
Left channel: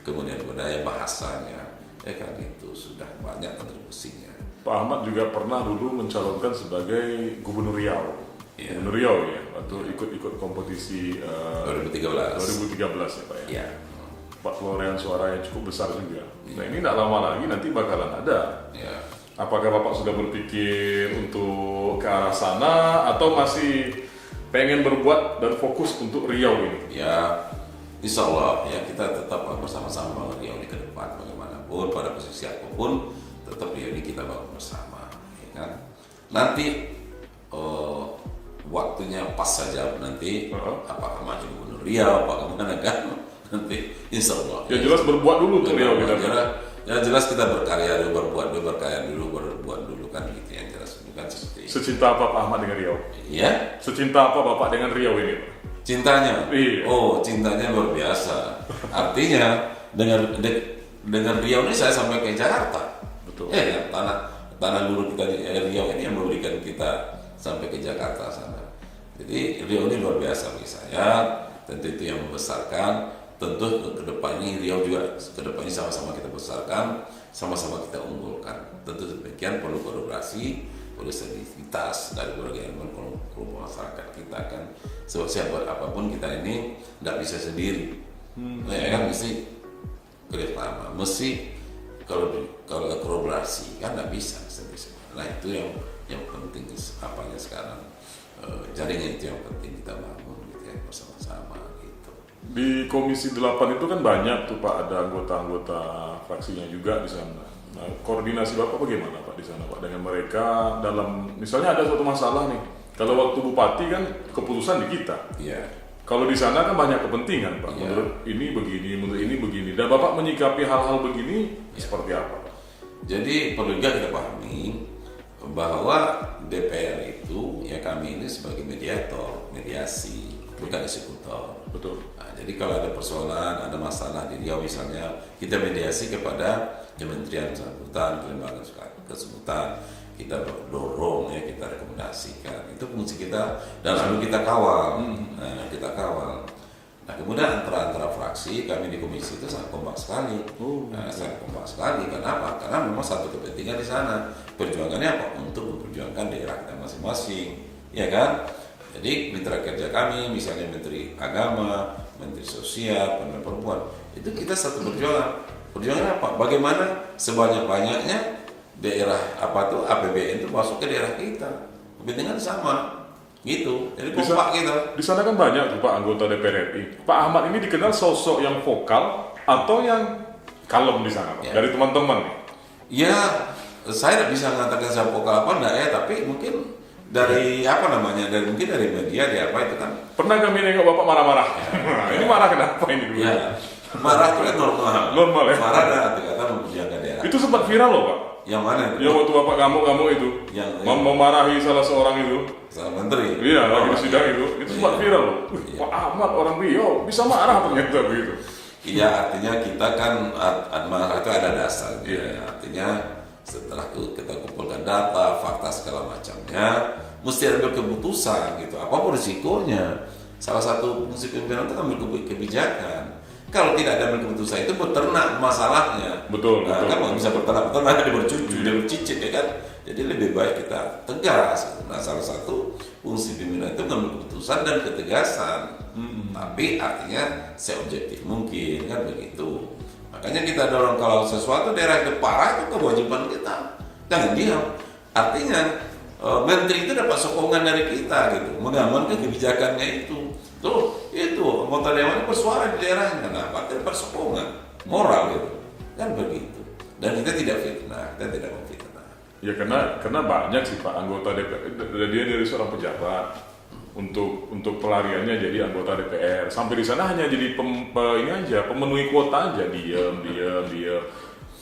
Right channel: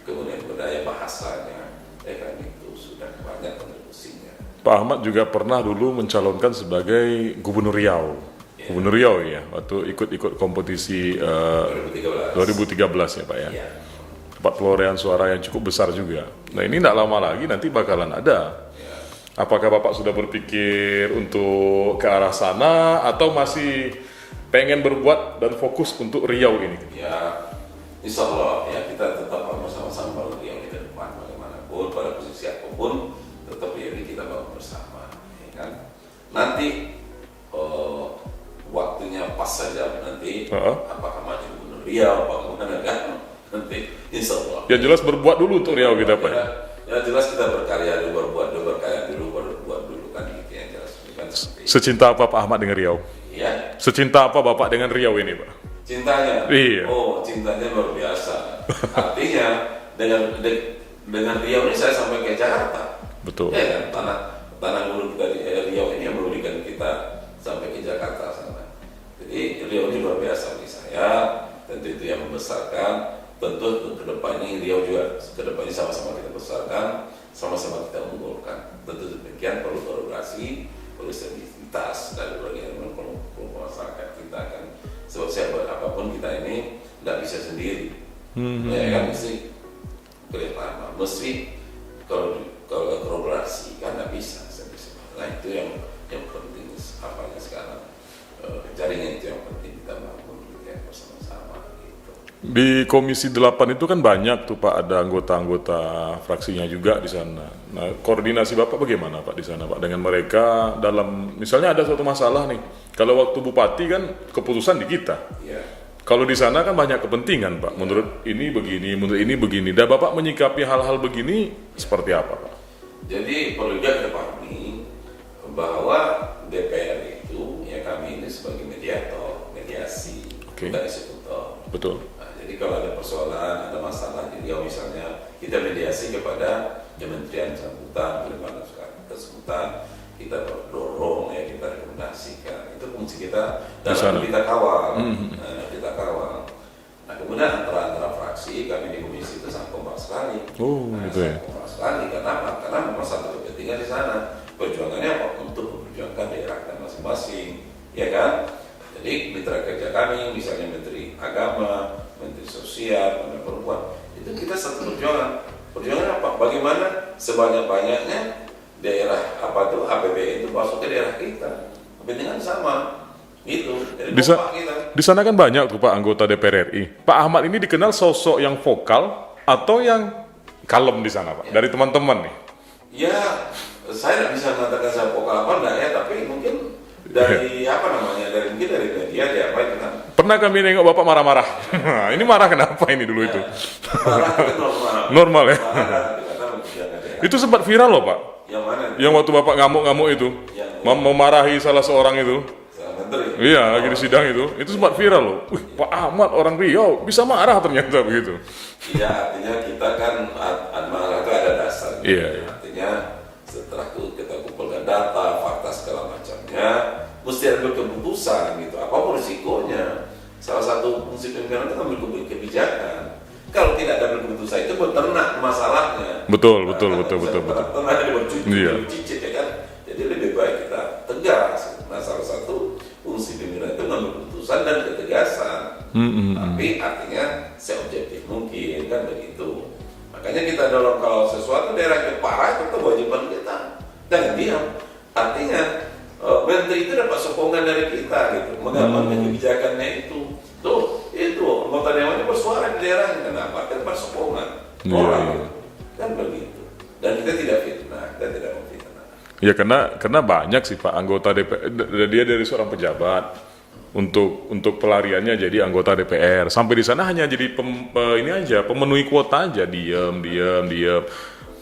kemudian budaya bahasanya, kan itu sudah banyak kontribusinya. Pak Ahmad juga pernah dulu mencalonkan sebagai Gubernur Riau. Iya. Gubernur Riau ya, waktu ikut kompetisi 2013 ya Pak ya. Iya. Pak perolehan suara yang cukup besar juga. Nah ini tidak lama lagi nanti bakalan ada. Ya. Apakah Bapak sudah berpikir untuk ke arah sana atau masih pengen berbuat dan fokus untuk Riau ini? Ya, insya Allah ya kita tetap bersama-sama Riau ini ke depan bagaimanapun pada posisi apapun tetap ya ini kita bangun nanti waktunya pas saja nanti apakah maju Gubernur Riau, apakah mana kan nanti insya Allah. Ya jelas berbuat dulu tuh Riau kita Pak. Ya jelas kita berkarya dulu, berkarya dulu, berbuat dulu kan gitu yang jelas. Bukan seperti Secinta apa Pak Ahmad dengan Riau? Iya. Secinta apa Bapak dengan Riau ini Pak? Cintanya. Iya. Oh, cintanya luar biasa. Artinya dengan Riau ini saya sampai ke Jakarta. Betul. Ya kan tanah dulu dari Riau ini yang memberikan kita sampai ke Jakarta sana. Jadi Riau ini luar biasa bagi saya. Tentu itu yang membesarkan. Tentu ke depan ini Riau juga ke depan ini sama-sama kita besarkan, sama-sama kita unggulkan. Tentu demikian perlu kolaborasi, perlu soliditas dari berbagai kelompok masyarakat kita kan. Sebab siapa apapun kita ini nggak bisa sendiri. Ya kan mesti kerjasama, mesti kalau kolaborasi kan nggak bisa sendiri. Nah itu yang penting apanya sekarang jaringan itu yang penting kita bangun gitu ya, bersama-sama gitu. Di Komisi 8 itu kan banyak tuh Pak, ada anggota-anggota fraksinya juga di sana. Nah, koordinasi Bapak bagaimana Pak di sana Pak dengan mereka dalam misalnya ada suatu masalah nih. Kalau waktu Bupati kan keputusan di kita. Iya. Kalau di sana kan banyak kepentingan Pak. Menurut ini begini, menurut ini begini. Dan Bapak menyikapi hal-hal begini seperti apa? Jadi perlu juga kita pahami bahwa DPR itu ya kami ini sebagai mediator, mediasi, bukan eksekutor. Betul. Nah, jadi kalau ada persoalan, ada masalah di Riau misalnya, kita mediasi kepada kementerian bersangkutan, kelembagaan bersangkutan, kita dorong ya, kita rekomendasikan. Itu fungsi kita dan kita kawal. Nah, kita kawal. Nah, kemudian antara fraksi kami di komisi itu sangat kompak sekali. Sangat kompak sekali. Kenapa? Karena memang satu kepentingan di sana. Perjuangannya apa? Untuk memperjuangkan daerah kita masing-masing, ya kan? Jadi mitra kerja kami, misalnya Menteri Agama, Menteri Sosial, Pemberdayaan Perempuan, itu kita satu perjuangan. Perjuangan apa? Bagaimana sebanyak-banyaknya daerah apa tuh APBN itu masuk ke daerah kita. Kepentingan sama, gitu. Jadi kompak kita. Di sana kan banyak tuh Pak anggota DPR RI. Pak Ahmad ini dikenal sosok yang vokal atau yang kalem di sana Pak? Dari teman-teman nih. Ya, saya tidak bisa mengatakan saya vokal apa enggak ya, tapi mungkin dari apa namanya, mungkin dari media, dari apa itu kan. Pernah kami nengok Bapak marah-marah. Ini marah kenapa ini dulu itu? Marah itu kan normal. Normal ya? Marah itu karena memperjuangkan daerah. Itu sempat viral loh Pak. Yang mana itu? Yang waktu Bapak ngamuk-ngamuk itu. Memarahi salah seorang itu. Salah menteri? Iya, lagi di sidang itu. Itu sempat viral loh. Pak Ahmad orang Riau bisa marah ternyata begitu. Iya, artinya kita kan marah itu ada dasar. Iya. Artinya setelah kita kumpulkan data, fakta segala macamnya, mesti ambil keputusan gitu. Apapun risikonya. Salah satu fungsi pimpinan itu ambil kebijakan. Kalau tidak ada keputusan itu beternak masalahnya. Betul. Beternak ada bercicit ya kan. Jadi lebih baik kita tegas. Nah salah satu fungsi pimpinan itu mengambil keputusan dan ketegasan. Tapi artinya seobjektif mungkin kan begitu. Makanya kita dorong kalau sesuatu daerah itu parah itu kewajiban kita. Jangan diam. Artinya menteri itu dapat sokongan dari kita gitu, menggambarkan kebijakannya itu. Tuh, itu anggota dewan bersuara di daerahnya. Kenapa? Dia dapat sokongan orang gitu. Kan begitu. Dan kita tidak fitnah, kita tidak memfitnah. Ya karena banyak sih Pak anggota DPR, dia dari seorang pejabat untuk pelariannya jadi anggota DPR. Sampai di sana hanya jadi pemenuhi kuota aja, diam.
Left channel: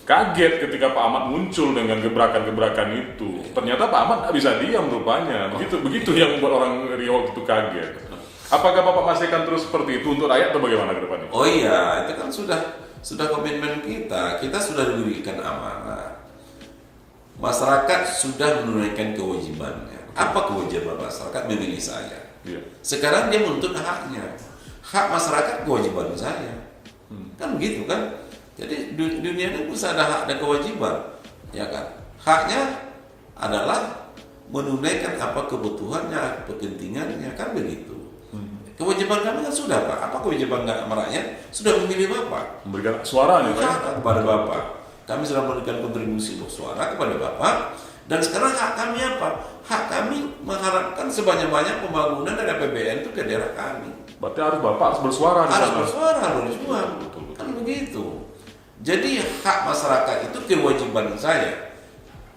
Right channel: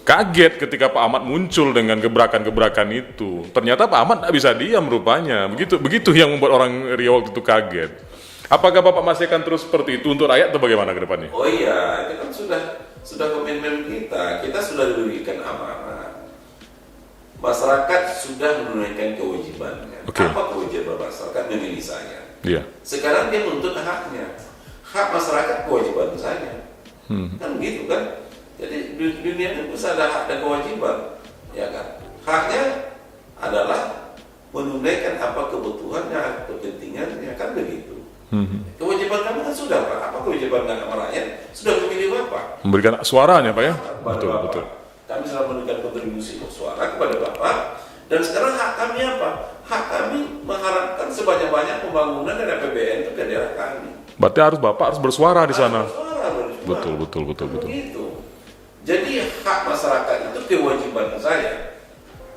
Kaget ketika Pak Ahmad muncul dengan gebrakan-gebrakan itu. Ternyata Pak Ahmad tidak bisa diam rupanya. Begitu yang membuat orang Riau itu kaget. Apakah Bapak masih akan terus seperti itu untuk rakyat atau bagaimana ke depannya? Oh iya, itu kan sudah komitmen kita. Kita sudah diberikan amanah. Masyarakat sudah menunaikan kewajibannya. Apa kewajiban masyarakat? Memilih saya. Iya. Sekarang dia menuntut haknya. Hak masyarakat kewajiban saya. Kan begitu kan? Jadi dunia ini bisa ada hak dan kewajiban, ya kan? Haknya adalah menunaikan apa kebutuhannya, kepentingannya, kan begitu. Kewajiban kami kan sudah Pak. Apa kewajiban kami rakyat? Sudah memilih Bapak. Memberikan suaranya Pak ya? Kepada Bapak. Kami sudah memberikan kontribusi suara kepada Bapak. Dan sekarang hak kami apa? Hak kami mengharapkan sebanyak-banyak pembangunan dari APBN itu ke daerah kami. Berarti Bapak harus bersuara di sana. Bersuara harus. Betul. Begitu. Jadi hak masyarakat itu kewajiban saya.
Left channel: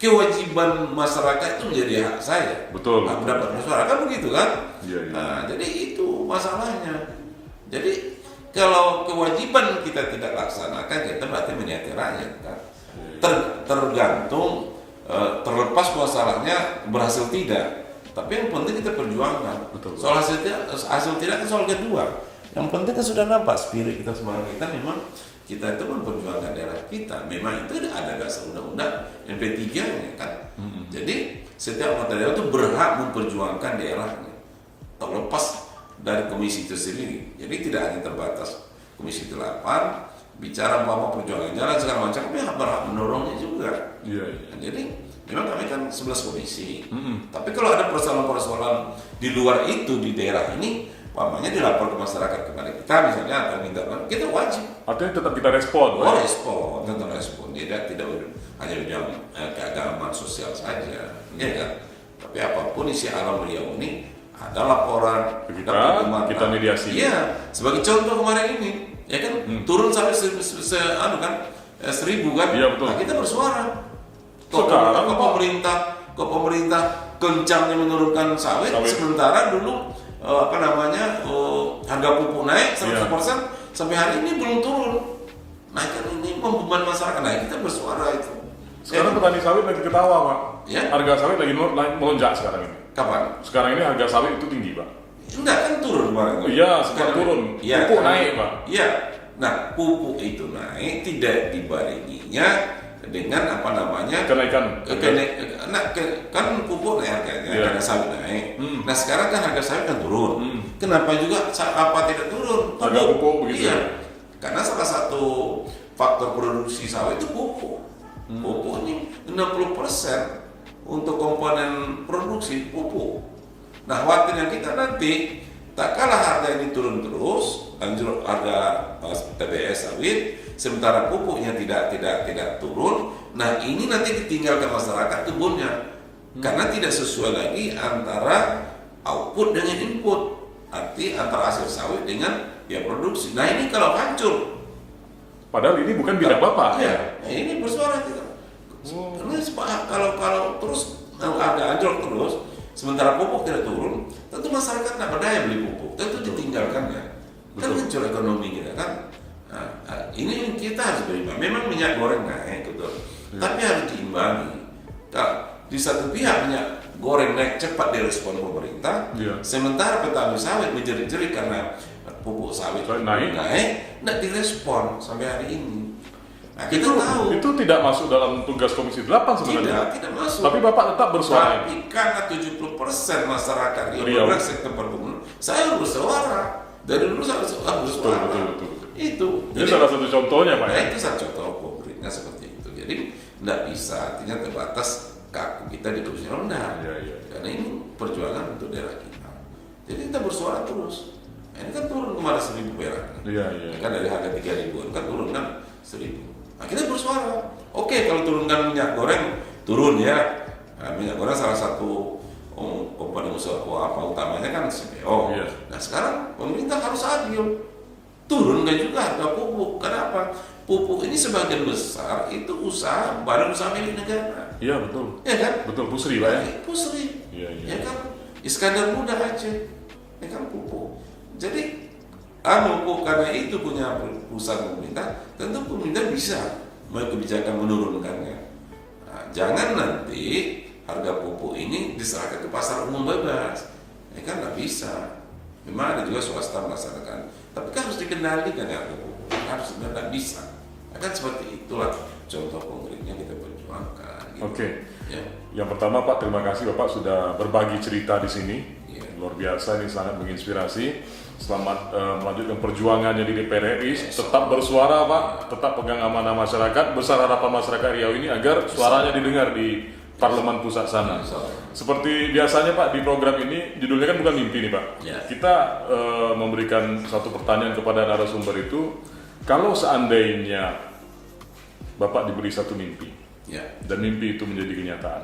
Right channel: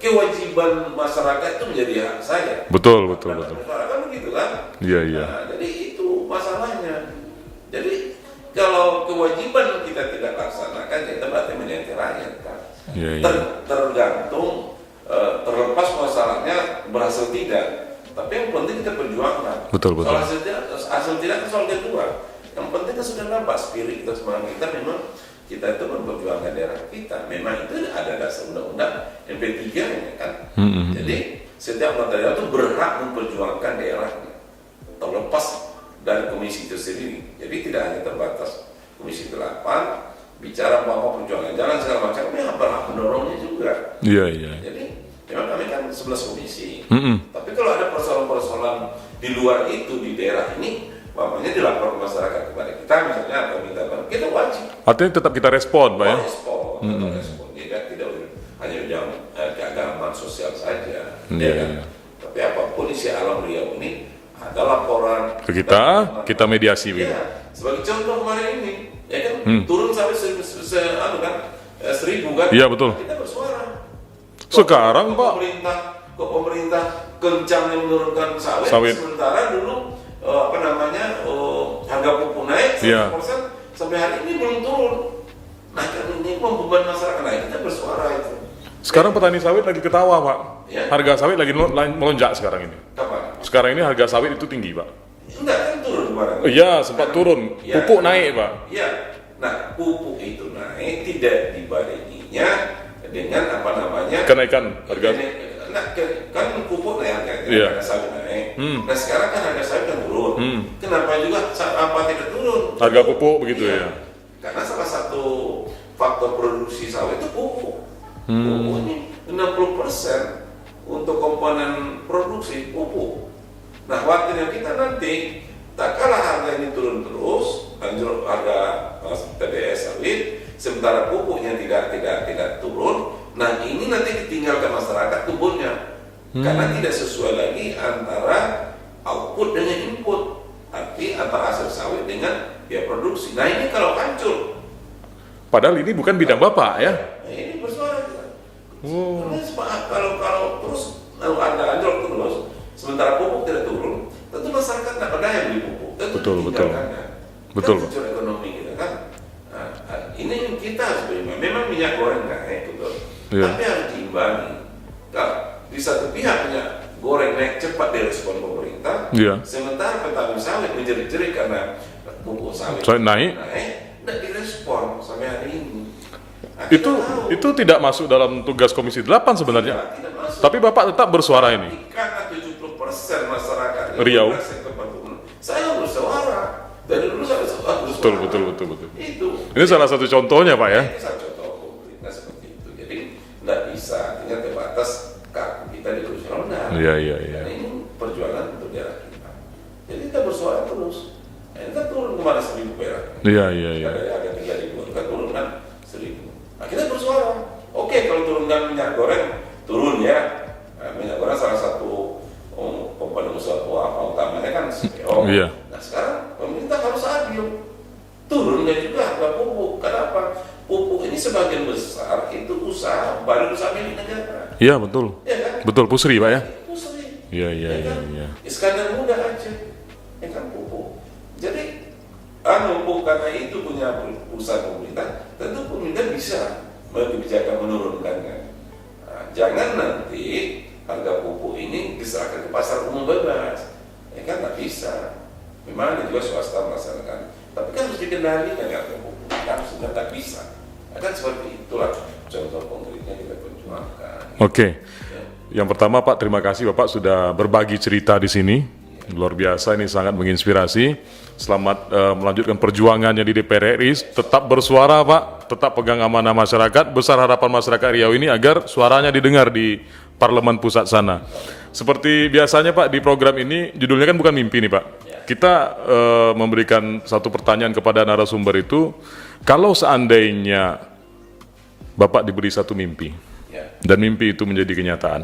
kewajiban masyarakat itu menjadi hak saya. Betul, Nah, betul. mendapat suara kan begitu kan? Iya, iya. Nah, jadi itu masalahnya. Jadi kalau kewajiban kita tidak laksanakan, kita berarti meniati rakyat kan? Iya, iya. Tergantung terlepas masalahnya berhasil tidak. Tapi yang penting kita perjuangkan. Betul, betul. Soal hasil tidak kan soal kedua. Yang penting kan sudah nampak spirit kita semangat kita memang kita itu memperjuangkan daerah kita. Memang itu ada dasar undang-undang MP3 ini kan. Jadi setiap anggota daerah itu berhak memperjuangkan daerahnya, terlepas dari komisi itu sendiri. Jadi tidak hanya terbatas komisi 8 bicara apa perjuangan jalan segala macam, kami berhak mendorongnya juga. Iya, iya. Jadi memang kami kan 11 komisi. Tapi kalau ada persoalan-persoalan di luar itu di daerah ini, umpamanya dilapor ke masyarakat kepada kita misalnya atau minta bantuan, kita wajib Artinya tetap kita respon, Pak ya? respon, tetap respon. Tidak hanya bidang keagamaan sosial saja, Iya. ya kan? Tapi apapun isi alam Riau ini ada laporan Ke kita, dan kita mediasi. Iya, sebagai contoh kemarin ini, ya kan turun sampai 1.000 kan? Iya, betul. Nah, kita bersuara. Sekarang, ke Pak. pemerintah kencangnya menurunkan sawit. Sementara dulu harga pupuk naik 100%, Iya. sampai hari ini belum turun. Nah kan ini beban masyarakat, nah kita bersuara itu. Sekarang petani sawit lagi ketawa, Pak. Ya. Harga sawit lagi melonjak sekarang ini. Kapan? Sekarang ini harga sawit itu tinggi, Pak. Enggak kan turun kemarin. Iya, sekarang turun. Iya, Pupuk kan? naik, Pak. Iya. Nah, pupuk itu naik tidak dibarenginya dengan Kenaikan. kan pupuk naik Iya. harga sawit naik. Nah, sekarang kan harga sawit kan turun. Kenapa juga tidak turun? Harga pupuk begitu Iya. ya. Karena salah satu faktor produksi sawit itu pupuk. Pupuk ini 60% untuk komponen produksi pupuk. Nah, khawatirnya kita nanti tak kalah harga ini turun terus, anjlok harga TBS sawit, sementara pupuknya tidak turun. Nah, ini nanti ditinggalkan masyarakat kebunnya, karena tidak sesuai lagi antara output dengan input, arti antara hasil sawit dengan biaya produksi. Nah, ini kalau hancur, Padahal ini bukan bidang Bapak ya. ini bersuara kita. Karena kalau terus harga anjlok terus, sementara pupuk tidak turun, tentu masyarakat tidak berdaya beli pupuk. Tentu Betul. ditinggalkannya. Betul. Kan hancur ekonomi kita kan. Nah, ini kita harus berimbang. Memang minyak goreng naik, betul. Iya. Tapi harus diimbangi. Nah, di satu pihak minyak goreng naik cepat direspon pemerintah, Iya. sementara petani sawit menjerit-jerit karena pupuk sawit Naik. tidak direspon sampai hari ini. Nah, kita Itu tahu. itu tidak masuk dalam tugas Komisi 8 sebenarnya. Tidak masuk. Tapi Bapak tetap bersuara ini. Tapi karena 70% masyarakat Riau. sektor perkebunan, saya bersuara. Dari dulu saya bersuara. Betul. Itu. Ini salah satu contohnya, Pak ya. Itu salah contoh pemerintah seperti itu. Jadi tidak bisa, artinya terbatas kaku kita di kursi rendah. Iya. Karena ini perjuangan untuk daerah kita. Jadi kita bersuara terus. Nah, ini kan turun kemarin 1.000 perak. Iya. Kan dari harga 3.000 kan turun kan 1.000. Nah, kita bersuara. Oke, kalau turunkan minyak goreng turun ya. Nah, minyak goreng salah satu komponen usaha utamanya kan CPO. Iya. Nah, sekarang pemerintah harus adil. Turunkan juga harga pupuk. Kenapa? Pupuk ini sebagian besar itu usaha badan usaha milik negara. Iya, betul. Ya kan? Betul, Pusri, Pak ya. Pusri. Iya. Ya kan? Iya. Iskandar muda Aceh. Ya kan pupuk. Jadi pupuk karena itu punya usaha pemerintah, tentu pemerintah bisa kebijakan menurunkannya. Nah, jangan nanti harga pupuk ini diserahkan ke pasar umum bebas. Ya kan nggak bisa. Memang ada juga swasta melaksanakan, tapi kan harus dikendalikan ya harga pupuk. Harus nggak bisa. Nah, kan seperti itulah contoh konkretnya kita perjuangkan. Oke. Ya. Yang pertama, Pak, terima kasih Bapak sudah berbagi cerita di sini. Luar biasa, ini sangat menginspirasi. Selamat melanjutkan perjuangannya di DPR RI. Tetap bersuara, Pak. Tetap pegang amanah masyarakat. Besar harapan masyarakat Riau ini agar suaranya didengar di Parlemen Pusat sana. Seperti biasanya, Pak, di program ini judulnya kan bukan mimpi nih, Pak. Kita memberikan satu pertanyaan kepada narasumber itu. Kalau seandainya Bapak diberi satu mimpi, dan mimpi itu menjadi kenyataan,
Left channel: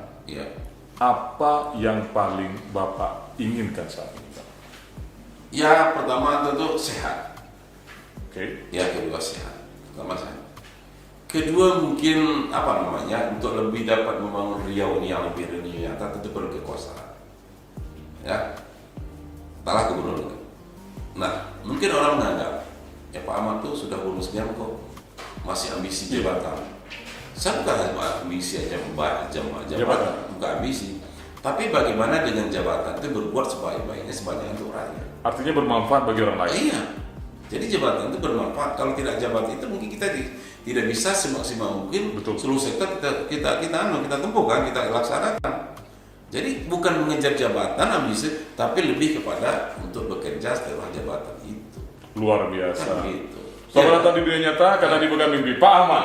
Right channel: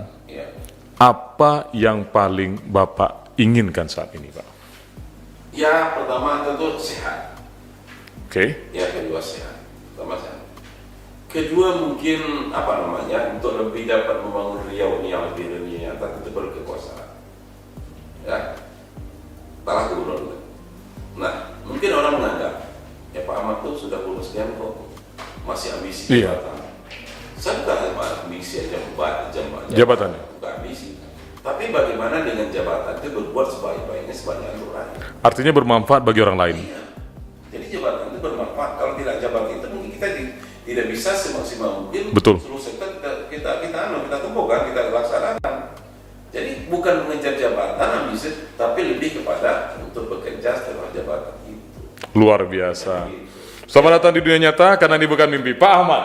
apa yang paling Bapak inginkan saat ini, Pak? Ya, pertama tentu sehat. Oke. Ya, kedua sehat. Pertama sehat. Kedua mungkin apa namanya, untuk lebih dapat membangun Riau ini yang lebih nyata tentu perlu kekuasaan. Ya, salah gubernur. Nah, mungkin orang menganggap ya Pak Ahmad tuh sudah bonus sekian kok, masih ambisi jabatan. Saya bukan ambisi aja jabatan, bukan ambisi. Tapi bagaimana dengan jabatan itu berbuat sebaik-baiknya sebanyak untuk rakyat. Artinya bermanfaat bagi orang lain. Iya. Jadi jabatan itu bermanfaat. Kalau tidak jabatan itu mungkin kita tidak bisa semaksimal mungkin. Betul. Seluruh sektor kita tempuh kan, kita laksanakan. Jadi bukan mengejar jabatan ambisi, tapi lebih kepada untuk bekerja setelah jabatan itu. Luar biasa. Nah, gitu. Selamat datang di dunia nyata karena ini bukan mimpi. Pak Ahmad.